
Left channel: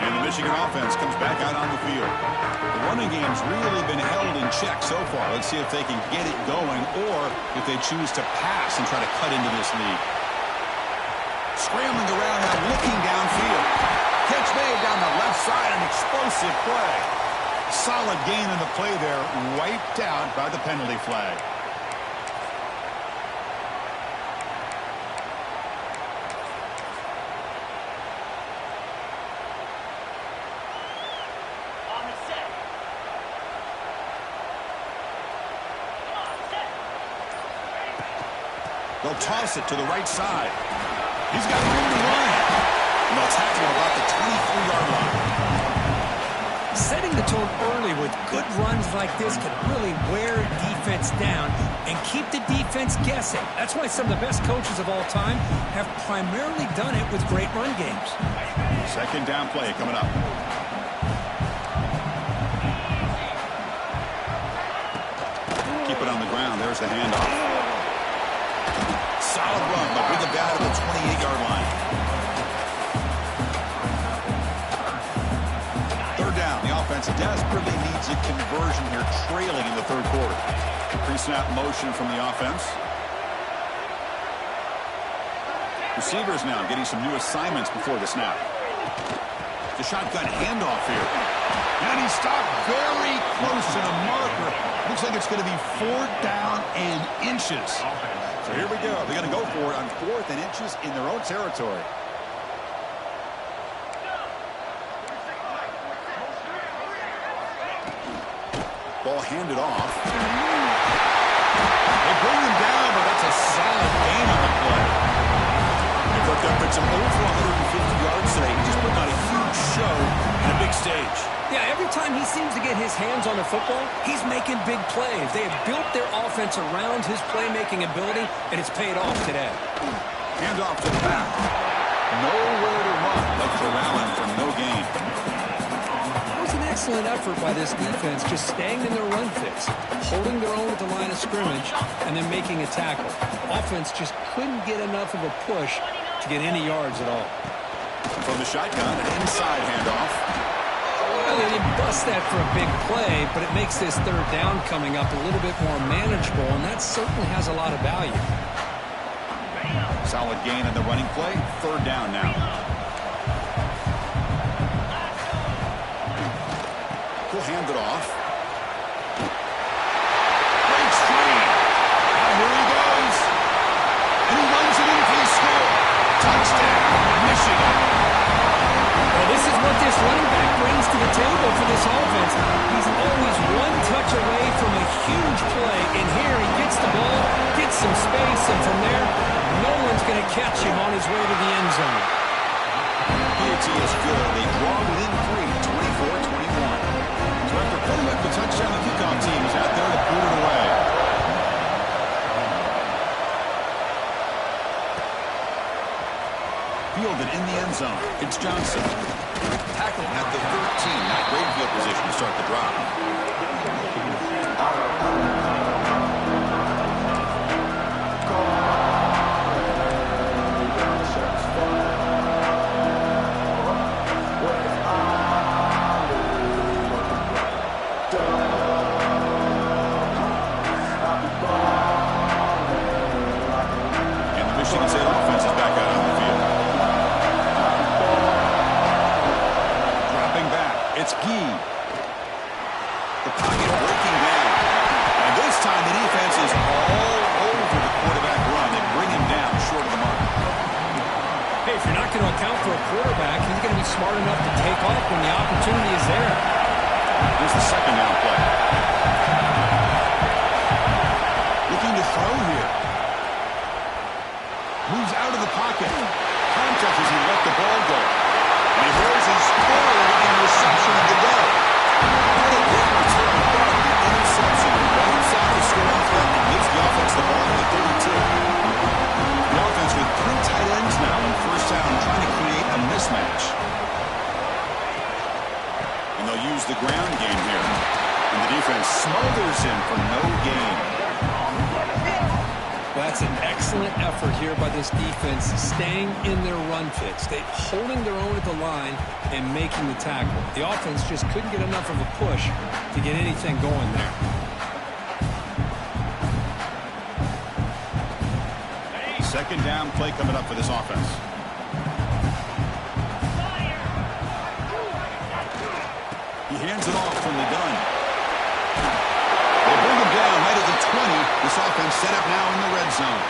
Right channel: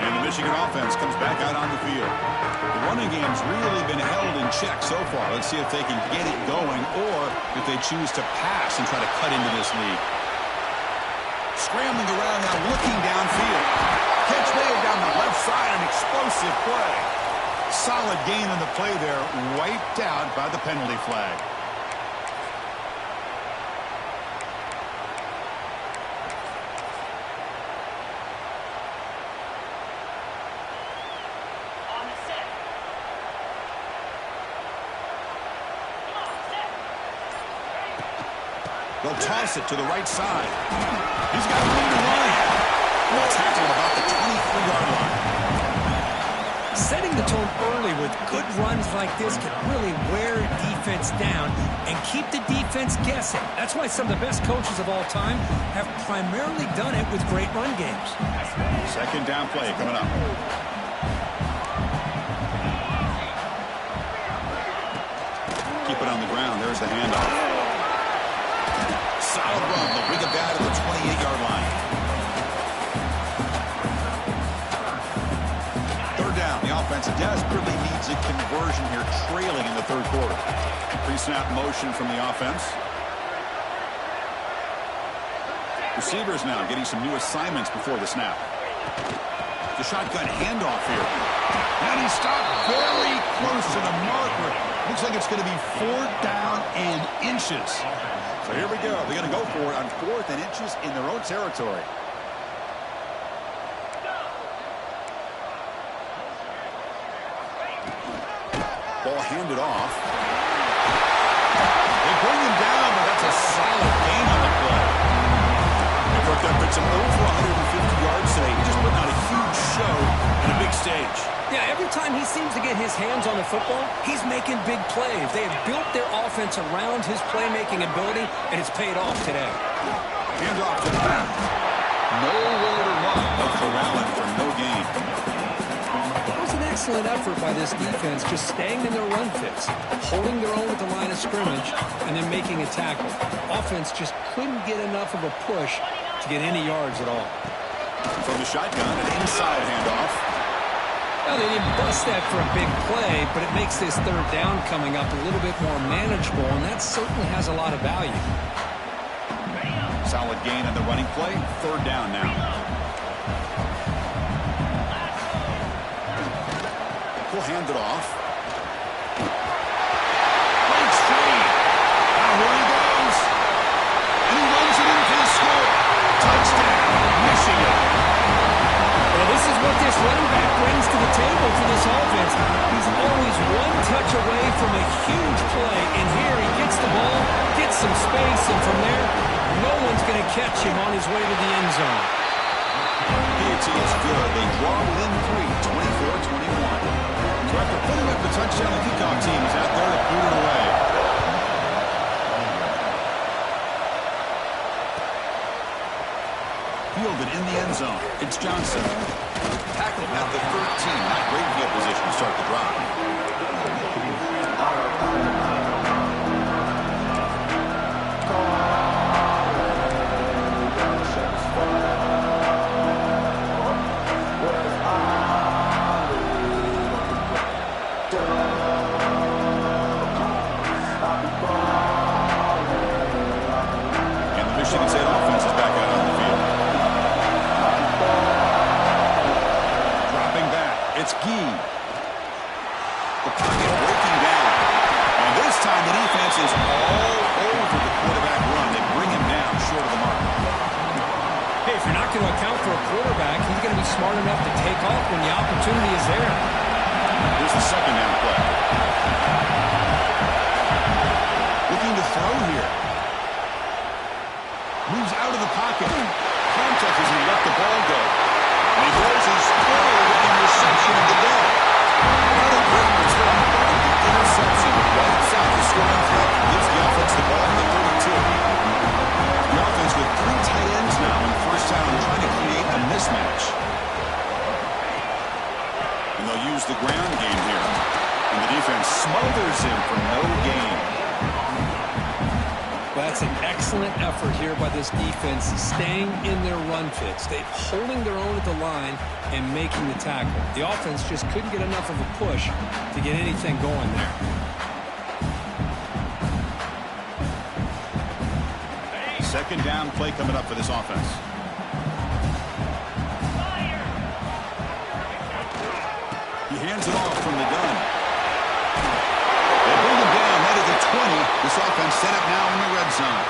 And the Michigan offense comes back out on the field. The running game's really been held in check so far. Let's see if they can get it going or if they choose to pass and try to cut into this lead. Scrambling around now, looking downfield. Catch made down the left side, an explosive play. Solid gain on the play there, wiped out by the penalty flag. On the set. Come on, set. They'll toss it to the right side. He's got room to run. And they'll tackle him about the 23-yard line. Setting the tone early with good runs like this can really wear a defense down and keep the defense guessing. That's why some of the best coaches of all time have primarily done it with great run games. 2nd down play coming up. Keep it on the ground. There's the handoff. solid run. They'll bring it back to the 28-yard line. Third down. The offense desperately needs a conversion here, trailing in the third quarter. Pre-snap motion from the offense. Receivers now getting some new assignments before the snap. The shotgun handoff here. And he stopped very close to the marker. Looks like it's going to be 4th down and inches. So here we go. They're going to go for it on 4th and inches in their own territory. Ball handed off. They bring him down, but that's a solid gain on the play. They picked up it's over 150 yards today. He's just putting on a huge show in a big stage. Yeah, every time he seems to get his hands on the football, he's making big plays. They have built their offense around his playmaking ability, and it's paid off today. Hand off to the back. Nowhere to run. They'll corral him for no gain. It was an excellent effort by this defense, just staying in their run fits, holding their own at the line of scrimmage, and then making a tackle. Offense just couldn't get enough of a push to get any yards at all. From the shotgun, an inside handoff. Well, they didn't bust that for a big play, but it makes this third down coming up a little bit more manageable, and that certainly has a lot of value. Solid gain on the running play. Third down now. He'll hand it off. Breaks free. Now here he goes. And he runs it in for the score. Touchdown, Michigan. Well, this is what this running back brings to the table for this offense. He's always one touch away from a huge play. And here he gets the ball, gets some space, and from there, no one's going to catch him on his way to the end zone. PAT is good. They draw within 3, 24-21. So after putting up the touchdown, the kickoff team is out there to boot it away. Fielded in the end zone. It's Johnson. Tackled at the 13. Not great field position to start the drive. And the Michigan State offense is back out on the field. It's Gee. The pocket breaking down. And this time the defense is all over the quarterback run. They bring him down short of the mark. Hey, if you're not going to account for a quarterback, he's going to be smart enough to take off when the opportunity is there. Here's the second down play. Looking to throw here. Moves out of the pocket. Contact as he let the ball go. And he throws his third interception of the day. Not a great return, but the interception wipes out the scoring threat and gives the offense the ball in the 32. The offense with 3 tight ends now in first down, trying to create a mismatch. And they'll use the ground game here. And the defense smothers him for no gain. Well, that's an excellent effort here by this defense, staying in their run fits. They're holding their own at the line and making the tackle. The offense just couldn't get enough of a push to get anything going there. Second down play coming up for this offense. He hands it off from the gun. They bring him down right at the 20. This offense set up now in the red zone.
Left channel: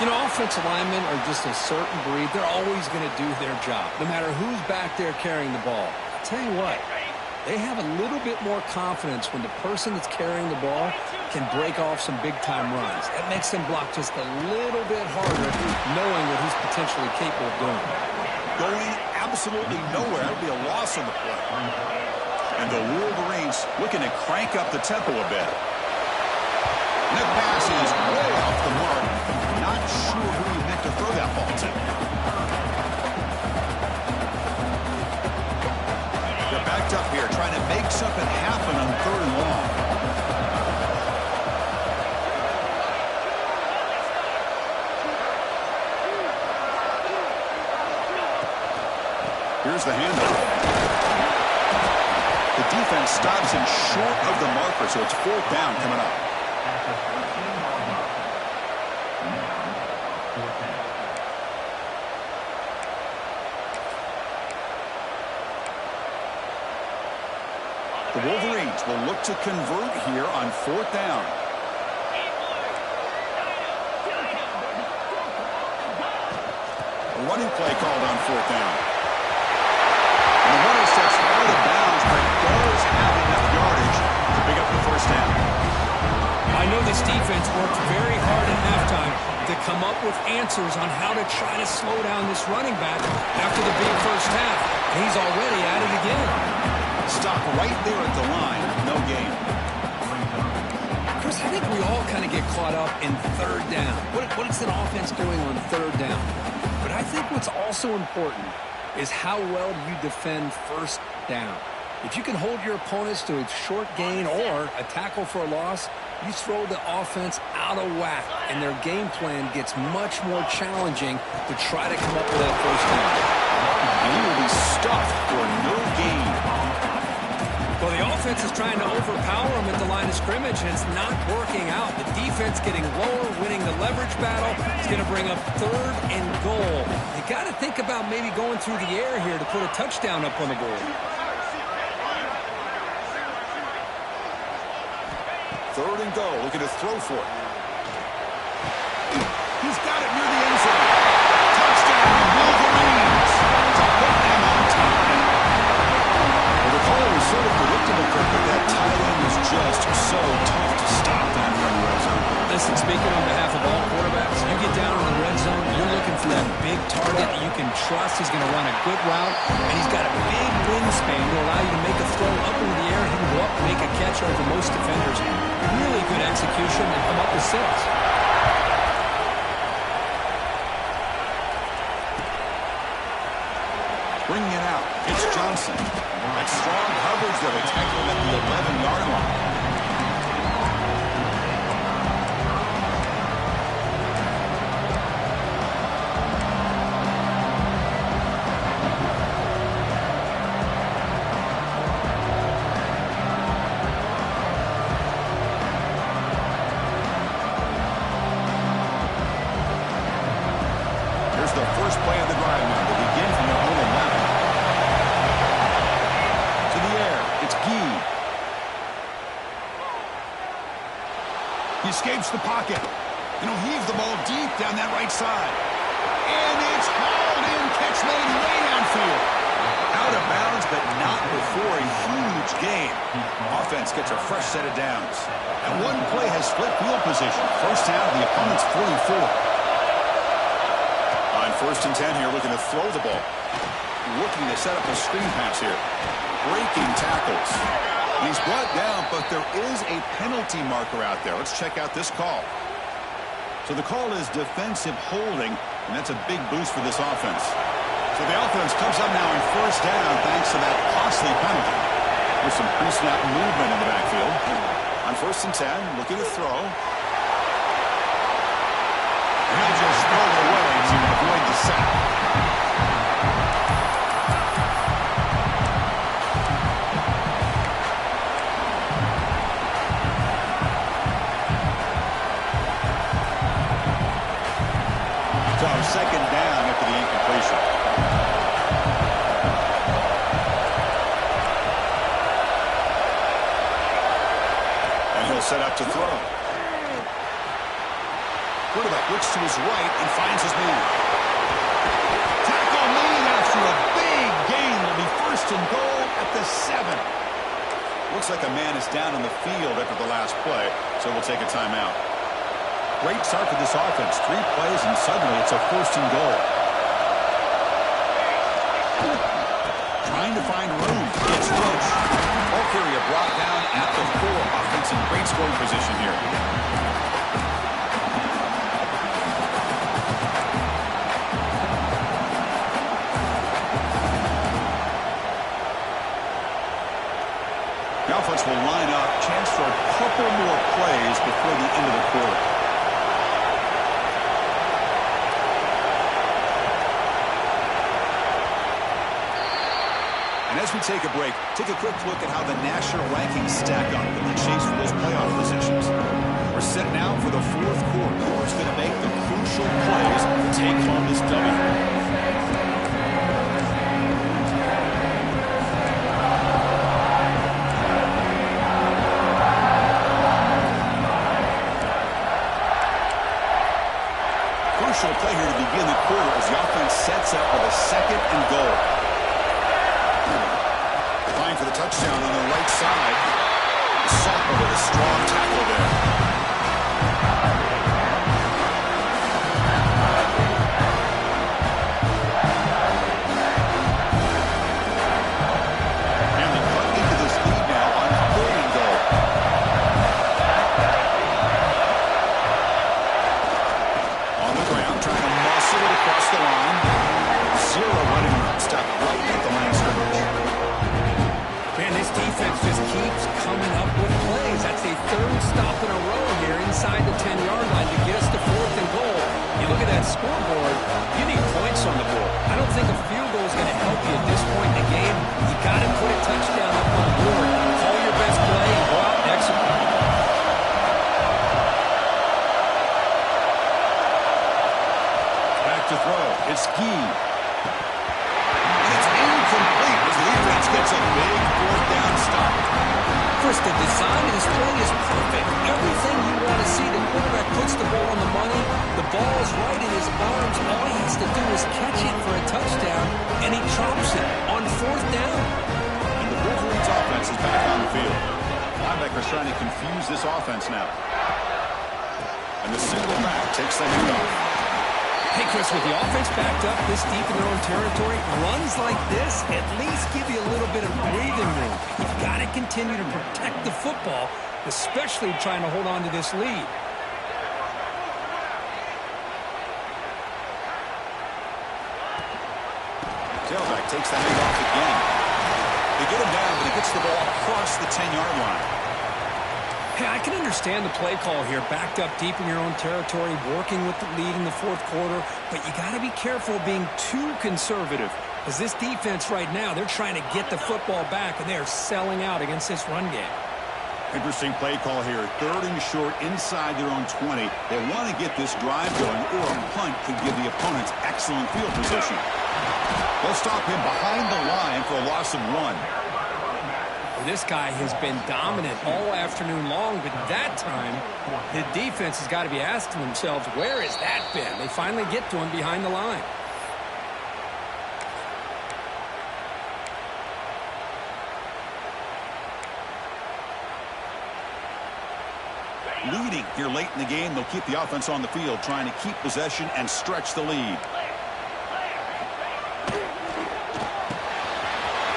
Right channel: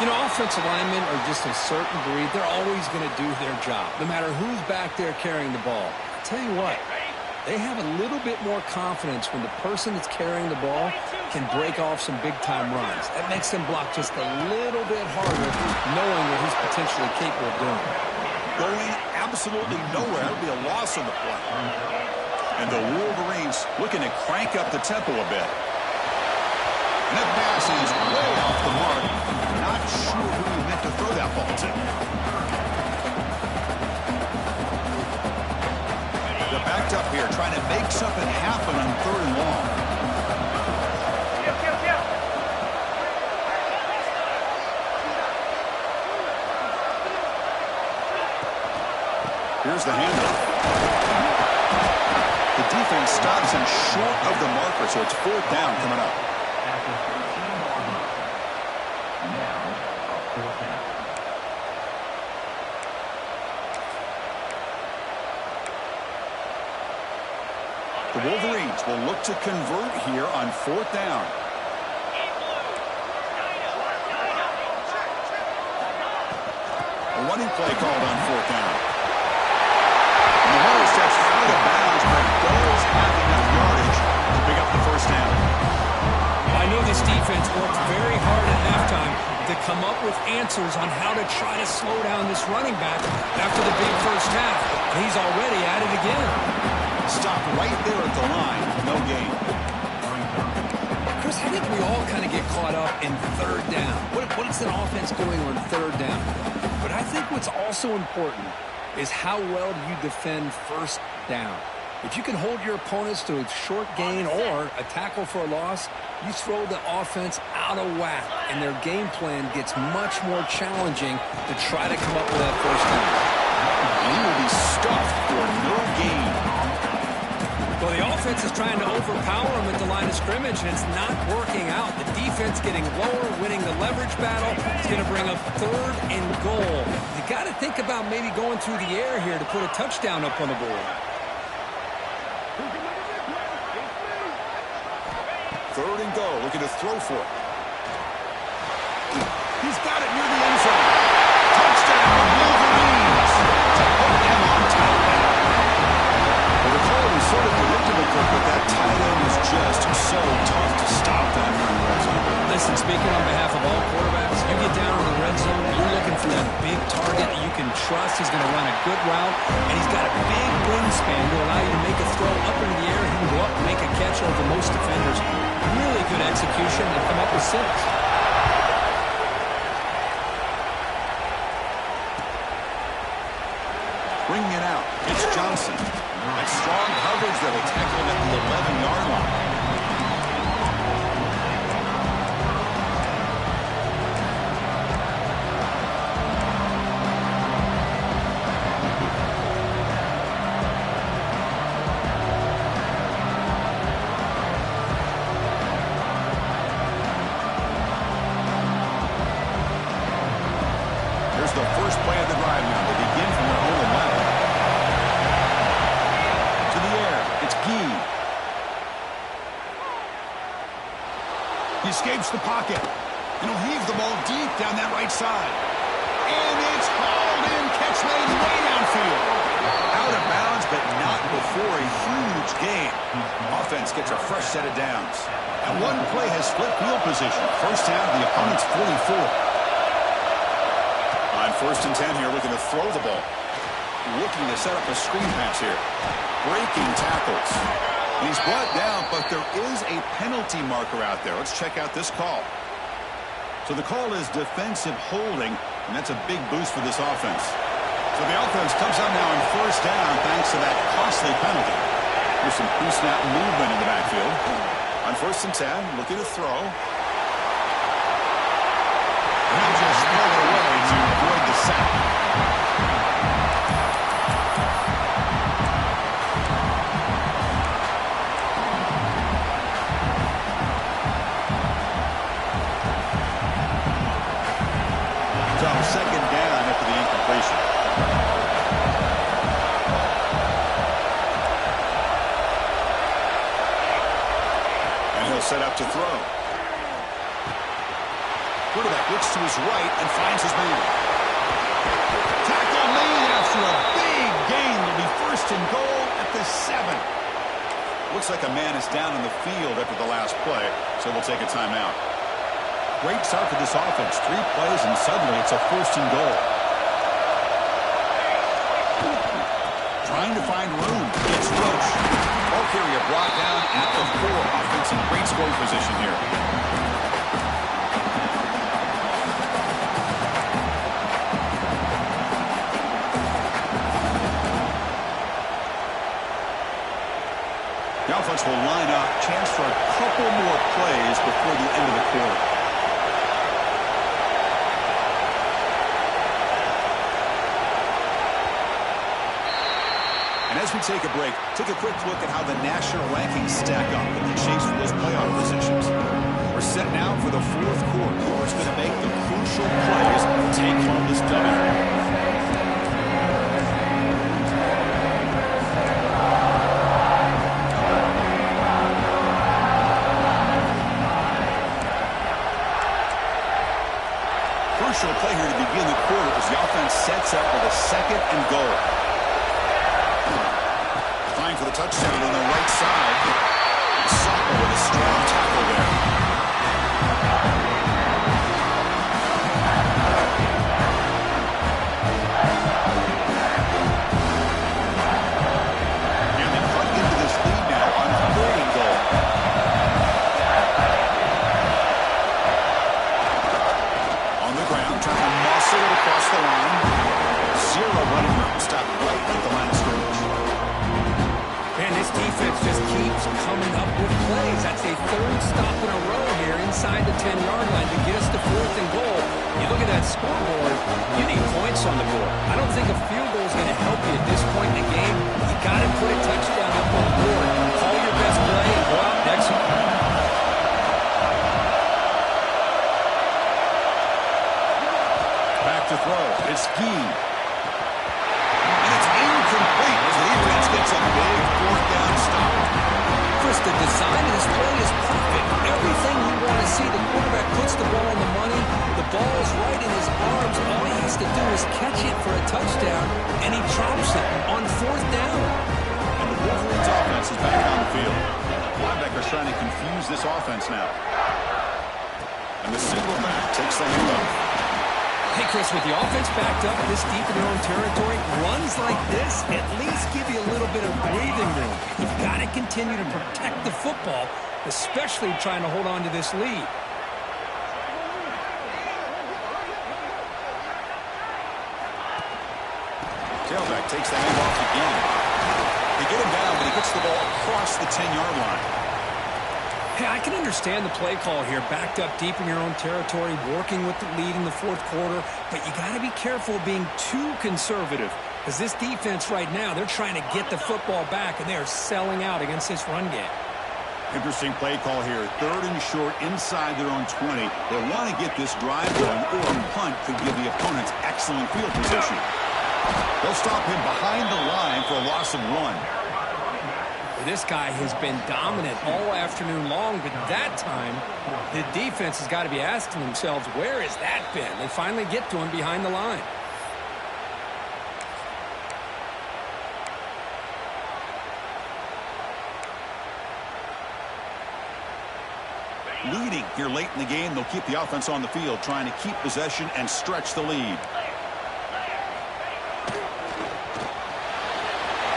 You know, offensive linemen are just a certain breed. They're always going to do their job, no matter who's back there carrying the ball. I'll tell you what, they have a little bit more confidence when the person that's carrying the ball can break off some big-time runs. That makes them block just a little bit harder, knowing what he's potentially capable of doing. Going absolutely nowhere. That would be a loss on the play. And the Wolverines looking to crank up the tempo a bit. And that pass is way off the mark. Not sure who he meant to throw that ball to. They're backed up here, trying to make something happen on 3rd and long. Here's the handoff. The defense stops him short of the marker, so it's 4th down coming up. At the 13-yard line. Now, 4th down. The Wolverines will look to convert here on 4th down. A running play called on 4th down. And the runner steps out of bounds, but does have enough yardage to pick up the 1st down. I know this defense worked very hard at halftime to come up with answers on how to try to slow down this running back after the big first half. And he's already at it again. Stop right there at the line. No gain. Chris, I think we all kind of get caught up in 3rd down. What is an offense doing on 3rd down? But I think what's also important is how well do you defend 1st down. If you can hold your opponents to a short gain or a tackle for a loss, you throw the offense out of whack, and their game plan gets much more challenging to try to come up with that 1st down. And he will be stuffed for no gain. Well, the offense is trying to overpower him at the line of scrimmage, and it's not working out. The defense getting lower, winning the leverage battle. It's going to bring up 3rd and goal. You got to think about maybe going through the air here to put a touchdown up on the board. 3rd and goal, looking to throw for it. He's got it near the end zone. Touchdown, Wolverines, to put them on top now. Well, the call was sort of predictable, Kirk, but that tight end is just so tough to stop down here in the red zone. Listen, speaking on behalf of all quarterbacks, you get down in the red zone, you're looking for that big target that you can trust. He's going to run a good route, and he's got a big wingspan to allow you to make a throw up into the air. He can go up and make a catch over most defenders. Really good execution and come up with 6. Bringing it out, it's Johnson. That strong coverage that will tackle him at the 11-yard line. Here's the first play of the drive now. They begin from their own 11. To the air, it's Gee. He escapes the pocket. And he'll heave the ball deep down that right side. And it's hauled in. Catch made way downfield. Out of bounds, but not before a huge gain. Offense gets a fresh set of downs. And one play has split field position. 1st down to the opponent's 44. On 1st and 10 here, looking to throw the ball. Looking to set up a screen pass here. Breaking tackles. He's brought down, but there is a penalty marker out there. Let's check out this call. So the call is defensive holding, and that's a big boost for this offense. So the offense comes up now on 1st down thanks to that costly penalty. There's some pre-snap movement in the backfield. On 1st and 10, looking to throw. And he'll just throw it away to avoid the sack. So 2nd down after the incompletion. And he'll set up to throw. Quarterback looks to his right and finds his man. Tackle made after a big gain. Will be 1st and goal at the 7. Looks like a man is down on the field after the last play, so we'll take a timeout. Great start for this offense. 3 plays, and suddenly it's a 1st and goal. Trying to find room. It's Roach. Ball carrier brought down at the 4. Offense in great scoring position here. The offense will line up. Chance for a couple more plays before the end of the quarter. And as we take a break, take a quick look at how the national rankings stack up in the chase for those playoff positions. We're set now for the fourth quarter. Who's going to make the crucial plays to take home this W? Crucial play here to begin the quarter as the offense sets up with a 2nd and goal. Applying for the touchdown on the right side. The sophomore with a strong tackle there. And they cut into this lead now on 3rd and goal. On the ground, trying to muscle it across the line. 0 running room. Stopped right at the line of scrimmage. Man, this defense just keeps coming up with plays. That's a 3rd stop in a row here inside the 10-yard line to get us to 4th and goal. You look at that scoreboard, you need points on the board. I don't think a field goal is going to help you at this point in the game. You got to put a touchdown up on the board. Call your best play and go out and execute. Back to throw. It's Gee. And it's incomplete as the defense gets a big 4th down stop. Chris, the design of this play is perfect. Everything you want to see. The quarterback puts the ball on the money. The ball is right in his arms. All he has to do is catch it for a touchdown, and he drops it on 4th down. And the Wolverines' offense is back on the field. Linebackers trying to confuse this offense now. And the single back takes the handoff. Hey, Chris, with the offense backed up this deep in their own territory, runs like this at least give you a little bit of breathing room. You've got to continue to protect the football, especially trying to hold on to this lead. Tailback takes the handoff again. They get him down, but he gets the ball across the 10-yard line. Hey, I can understand the play call here, backed up deep in your own territory, working with the lead in the 4th quarter, but you got to be careful being too conservative, because this defense right now, they're trying to get the football back, and they are selling out against this run game. Interesting play call here. 3rd and short inside their own 20. They want to get this drive going, or a punt could give the opponents excellent field position. They'll stop him behind the line for a loss of 1. This guy has been dominant all afternoon long, but that time, the defense has got to be asking themselves, where has that been? They finally get to him behind the line. Leading here late in the game, they'll keep the offense on the field, trying to keep possession and stretch the lead.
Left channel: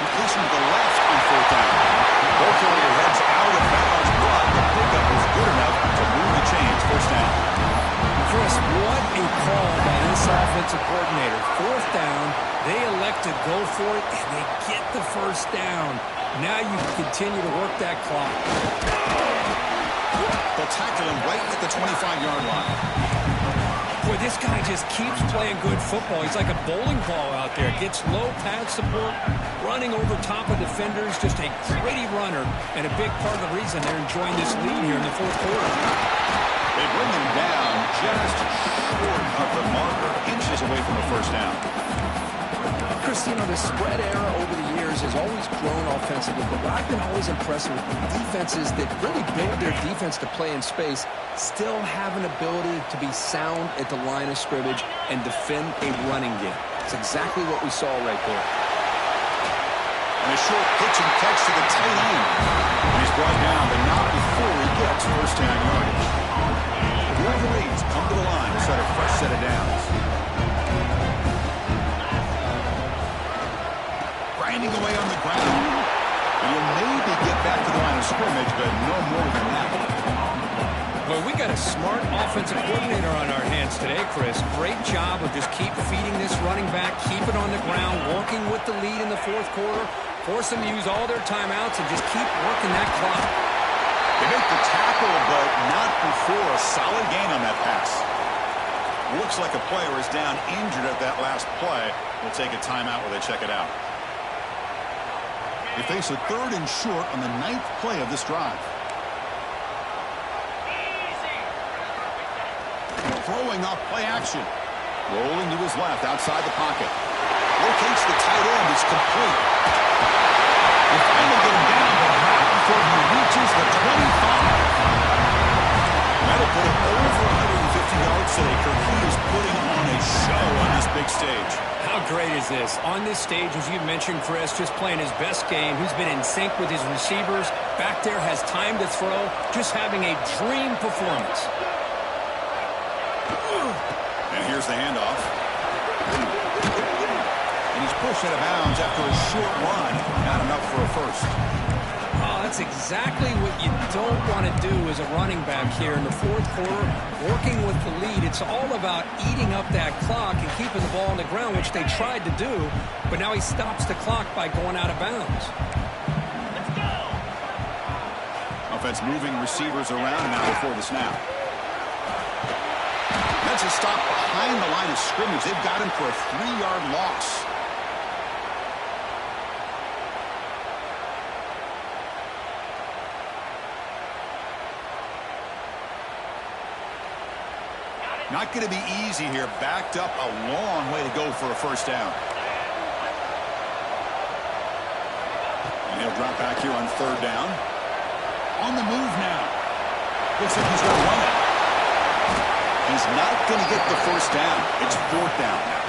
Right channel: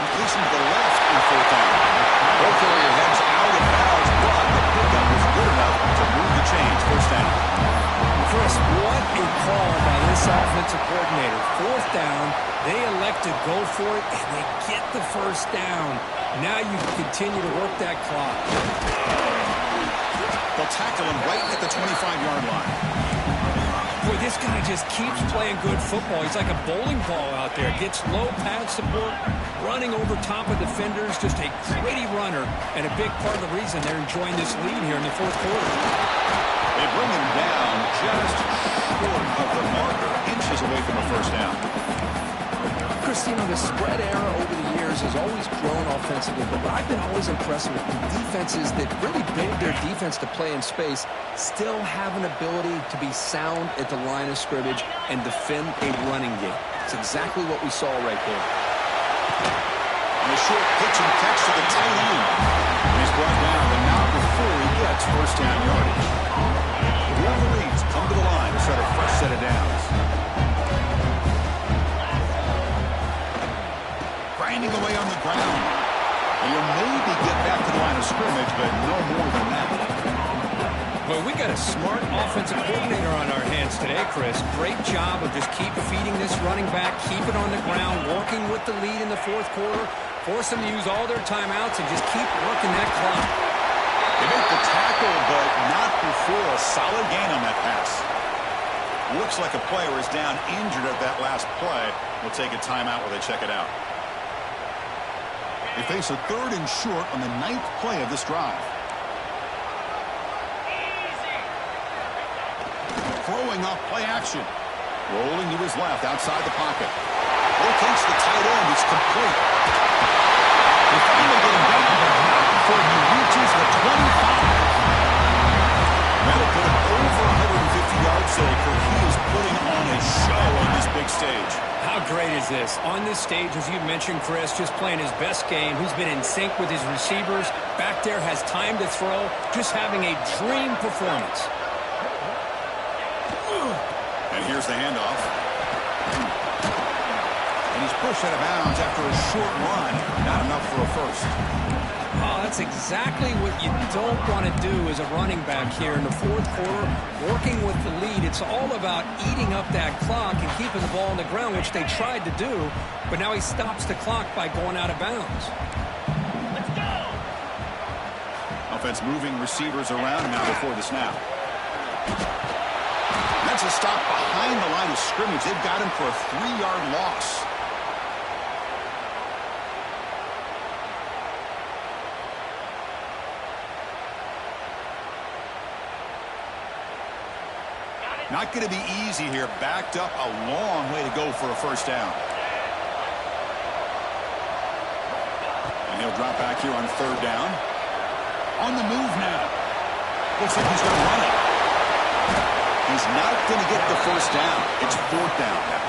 Completion to the left on 4th down. Ball carrier heads out of bounds, but the pickup was good enough to move the chains. 1st down. Chris, what a call by this offensive coordinator. 4th down, they elect to go for it, and they get the 1st down. Now you can continue to work that clock. They'll tackle him right at the 25-yard line. Boy, this guy just keeps playing good football. He's like a bowling ball out there. Gets low pad support, running over top of defenders. Just a gritty runner, and a big part of the reason they're enjoying this lead here in the 4th quarter. They bring him down just short of the marker, inches away from a 1st down. Chris, you know, the spread era over the years has always grown offensively, but what I've been always impressed with defenses that really build their defense to play in space still have an ability to be sound at the line of scrimmage and defend a running game. It's exactly what we saw right there. And a short pitch and catch to the tight end. And he's brought down, but not before he gets 1st down yardage. The Wolverines come to the line to start a fresh set of downs. Grinding away on the ground. And he'll maybe get back to the line of scrimmage, but no more than that. Well, we got a smart offensive coordinator on our hands today, Chris. Great job of just keep feeding this running back, keep it on the ground, working with the lead in the 4th quarter, force them to use all their timeouts, and just keep working that clock. They make the tackle, but not before a solid gain on that pass. Looks like a player is down injured at that last play. We'll take a timeout where they check it out. They face a 3rd and short on the 9th play of this drive. Throwing off play action. Rolling to his left outside the pocket. Rotates the tight end. It's complete. They finally get him down, but not before he reaches the 25. That'll put him over 150 yards today. Kirk, he is putting on a show on this big stage. How great is this? On this stage, as you mentioned, Chris, just playing his best game. He's been in sync with his receivers. Back there, has time to throw. Just having a dream performance. And here's the handoff. And he's pushed out of bounds after a short run. Not enough for a first. Oh, that's exactly what you don't want to do as a running back here in the 4th quarter. Working with the lead, it's all about eating up that clock and keeping the ball on the ground, which they tried to do. But now he stops the clock by going out of bounds. Let's go! Offense moving receivers around now before the snap. That's a stop behind the line of scrimmage. They've got him for a 3-yard loss. Not going to be easy here. Backed up a long way to go for a first down. And he'll drop back here on 3rd down. On the move now. Looks like he's going to run it. He's not going to get the first down. It's 4th down now.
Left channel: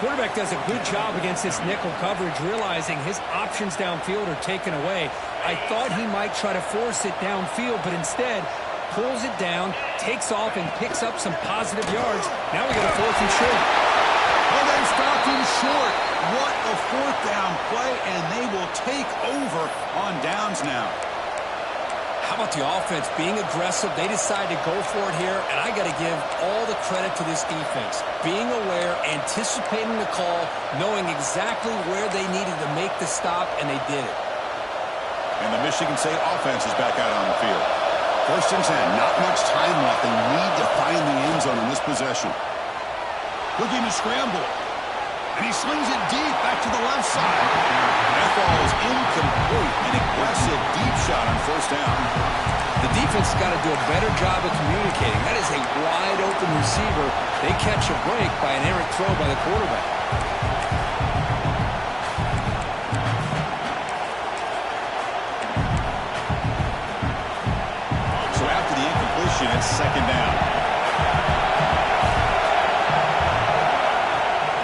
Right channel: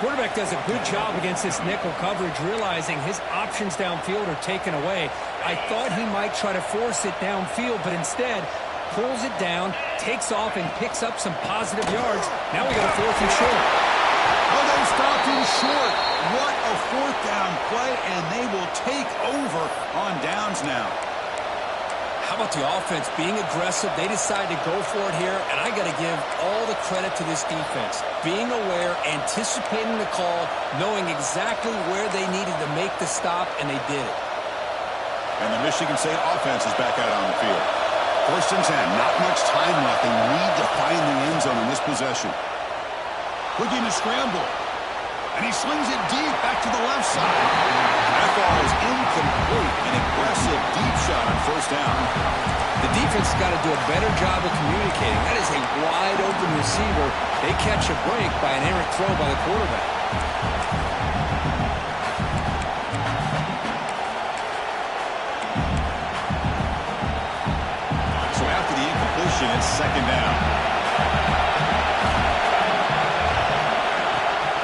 Quarterback does a good job against this nickel coverage, realizing his options downfield are taken away. I thought he might try to force it downfield, but instead pulls it down, takes off, and picks up some positive yards. Now we got a 4th and short. Oh, they've stopped him short. What a 4th down play, and they will take over on downs now. How about the offense being aggressive? They decide to go for it here, and I got to give all the credit to this defense. Being aware, anticipating the call, knowing exactly where they needed to make the stop, and they did it. And the Michigan State offense is back out on the field. 1st and 10, not much time left. They need to find the end zone on this possession. Looking to scramble. And he slings it deep back to the left side. That ball is incomplete. An aggressive deep shot on 1st down. The defense has got to do a better job of communicating. That is a wide open receiver. They catch a break by an errant throw by the quarterback. So after the incompletion, it's 2nd down.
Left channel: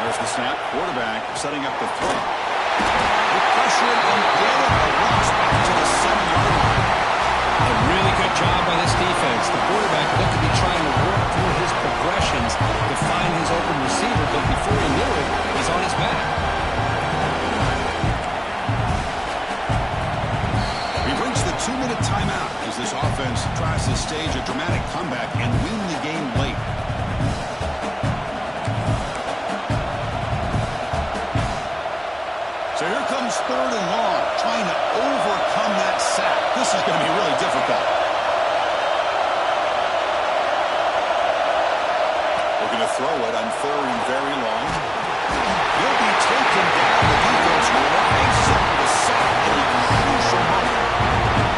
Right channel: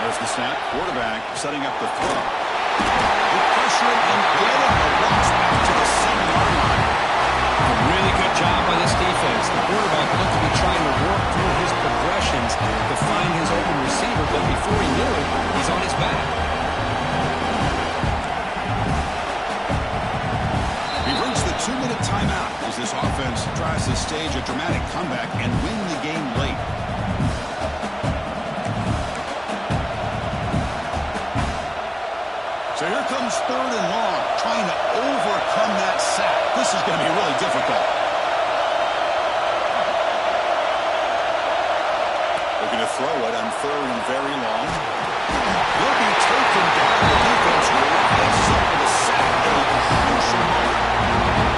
There's the snap. Quarterback setting up the throw. They pressure him and get him. The loss back to the 7-yard line. A really good job by this defense. The quarterback looked to be trying to work through his progressions to find his open receiver, but before he knew it, he's on his back. We've reached the 2-minute timeout as this offense tries to stage a dramatic comeback and win the game late. So here comes 3rd and long, trying to overcome that sack. This is going to be really difficult. Looking to throw it on 3rd and very long. He'll be taken down. The defense rises up with a sack at a crucial moment.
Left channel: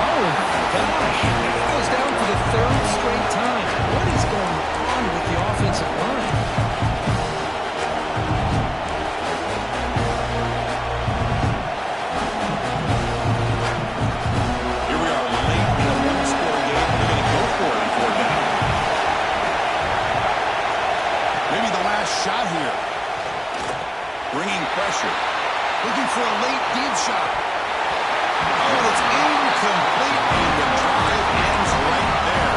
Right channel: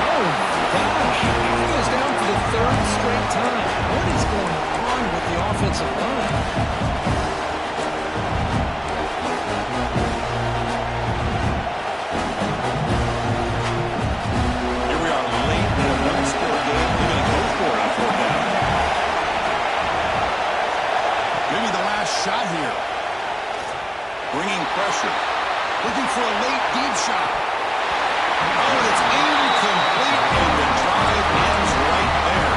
Oh, gosh. He goes down for the 3rd straight time. What is going on with the offensive line? Shot here. Bringing pressure. Looking for a late deep shot. Oh, and it's incomplete, and the drive ends right there.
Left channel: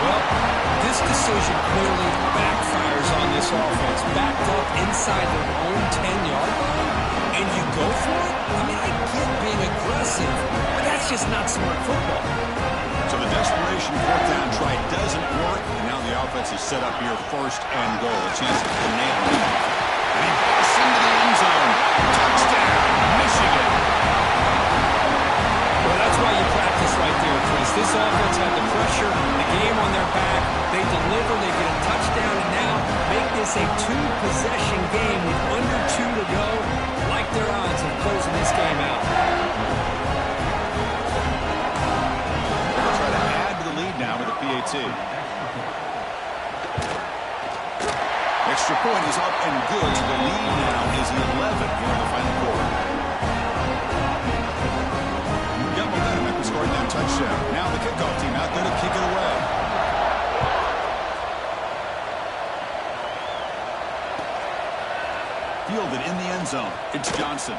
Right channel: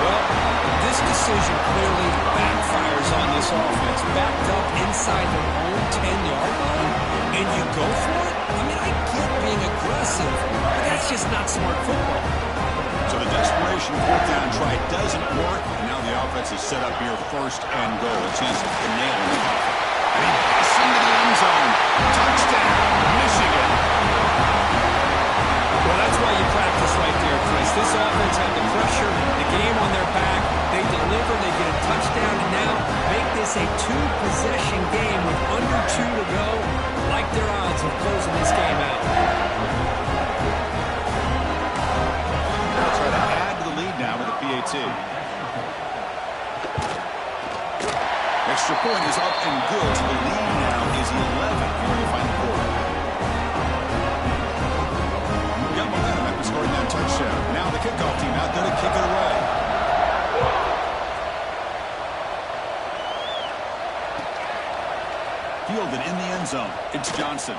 Well, this decision clearly backfires on this offense. Backed up inside their own 10-yard line, and you go for it? I mean, I get being aggressive, but that's just not smart football. So the desperation 4th down try doesn't work, and now the offense is set up here 1st and goal. A chance to nail him off. And he busts into the end zone. Touchdown, Michigan. Well, that's why you practice right there, Chris. This offense had the pressure, the game on their back. They deliver, they get a touchdown, and now make this a two-possession game with under 2 to go. Like their odds of closing this game out. They'll try to add to the lead now with a PAT. Extra point is up and good, so the lead now is 11 here in the final quarter. Got momentum after scoring that touchdown. Now the kickoff team out there to kick it away. Fielded in the end zone. It's Johnson.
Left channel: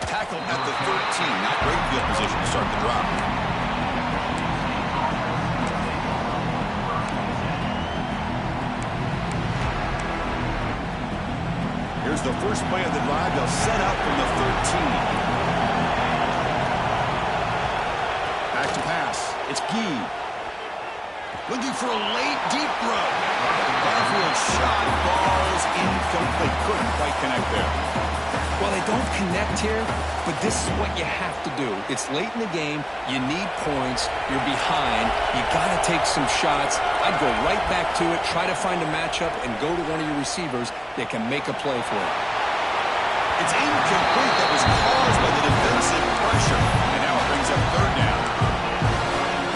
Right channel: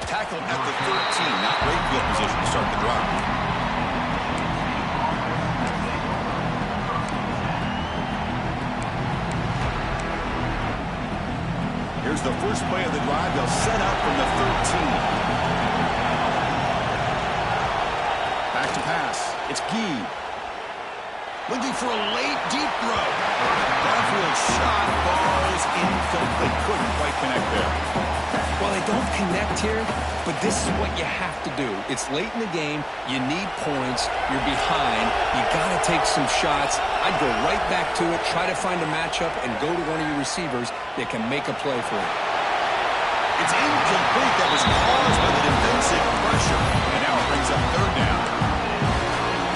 Tackled at the 13. Not great field position to start the drive. Here's the first play of the drive. They'll set up from the 13. Back to pass. It's Gee. Looking for a late, deep throw. Downfield shot falls incomplete. Couldn't quite connect there. Well, they don't connect here, but this is what you have to do. It's late in the game. You need points. You're behind. You got to take some shots. I'd go right back to it, try to find a matchup, and go to one of your receivers that can make a play for you. It's incomplete. That was caused by the defensive pressure. And now it brings up third down.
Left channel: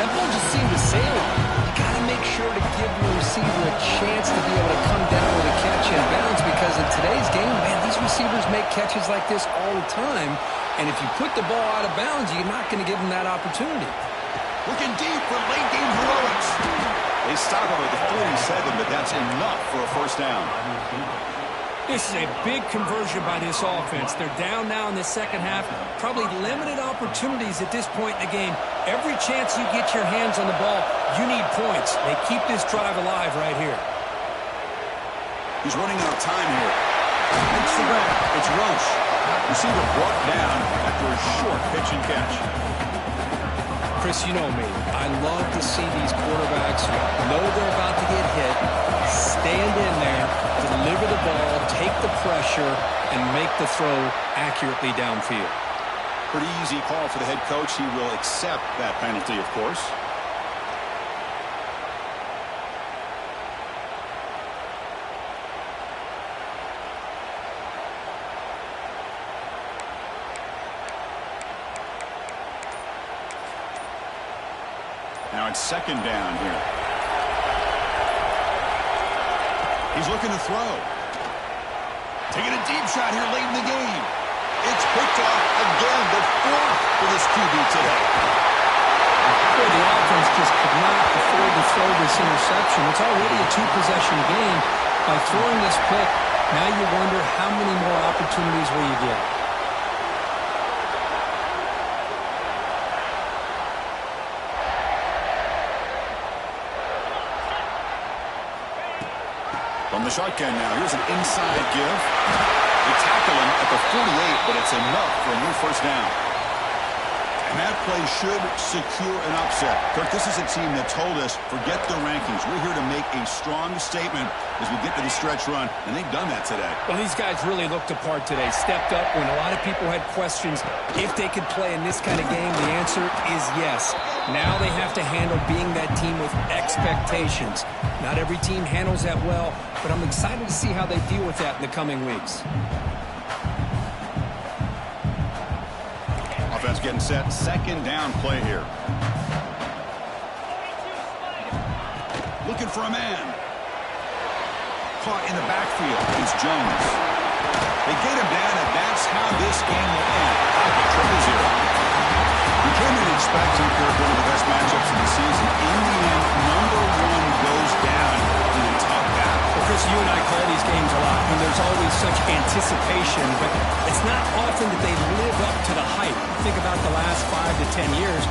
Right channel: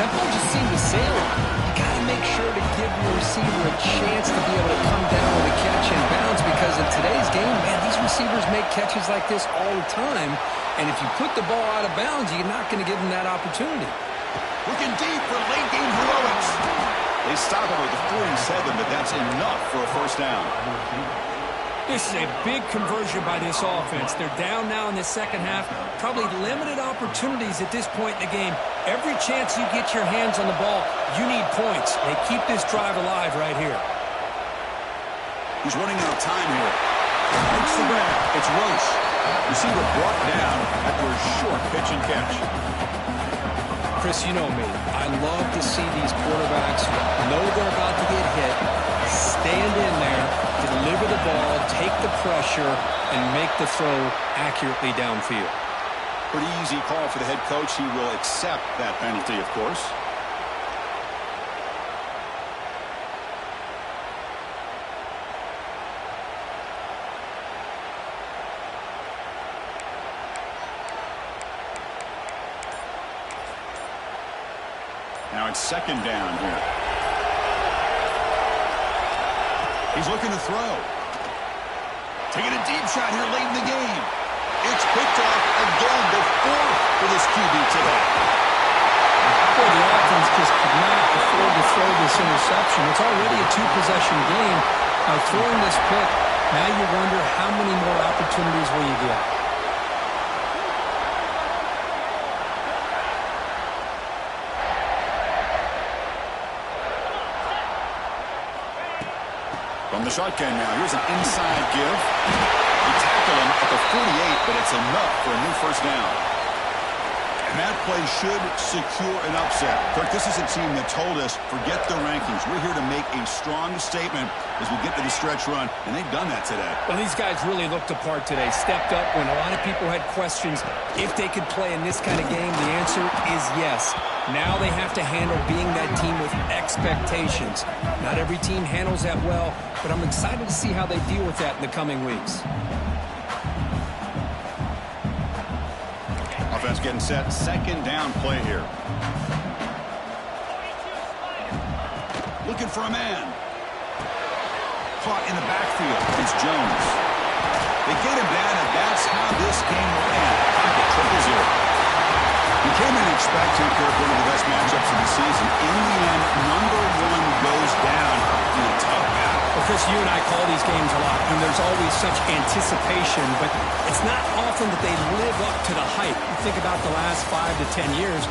That ball just seemed to sail on. You got to make sure to give your receiver a chance to be able to come down with a catch and bounce, because in today's game, man, these receivers make catches like this all the time. And if you put the ball out of bounds, you're not going to give them that opportunity. Looking deep for late game heroics. They stop him at the 47, but that's enough for a first down. This is a big conversion by this offense. They're down now in the second half. Probably limited opportunities at this point in the game. Every chance you get your hands on the ball, you need points. They keep this drive alive right here. He's running out of time here. Makes the grab. It's Roche. Receiver brought down after a short pitch and catch. Chris, you know me. I love to see these quarterbacks know they're about to get hit, stand in there, deliver the ball, take the pressure, and make the throw accurately downfield. Pretty easy call for the head coach. He will accept that penalty, of course. Now it's second down here. He's looking to throw. Taking a deep shot here late in the game. It's picked off again, the fourth for this QB today. Boy, the offense just could not afford to throw this interception. It's already a two-possession game. By throwing this pick, now you wonder how many more opportunities will you get. From the shotgun now, here's an inside give. They tackle him at the 48, but it's enough for a new first down. And that play should secure an upset. Kirk, this is a team that told us, forget the rankings. We're here to make a strong statement as we get to the stretch run, and they've done that today. Well, these guys really looked apart today, stepped up when a lot of people had questions if they could play in this kind of game. The answer is yes. Now they have to handle being that team with expectations. Not every team handles that well, but I'm excited to see how they deal with that in the coming weeks. Offense getting set. Second down play here. Looking for a man. Caught in the backfield. It's Jones. They get him down, and that's how this game will end. Pocket 0-0. We came in expecting, Kirk, one of the best matchups of the season. In the end, number one goes down in a tough battle. Well, Chris, you and I call these games a lot, and there's always such anticipation, but it's not often that they live up to the hype. You think about the last 5 to 10 years,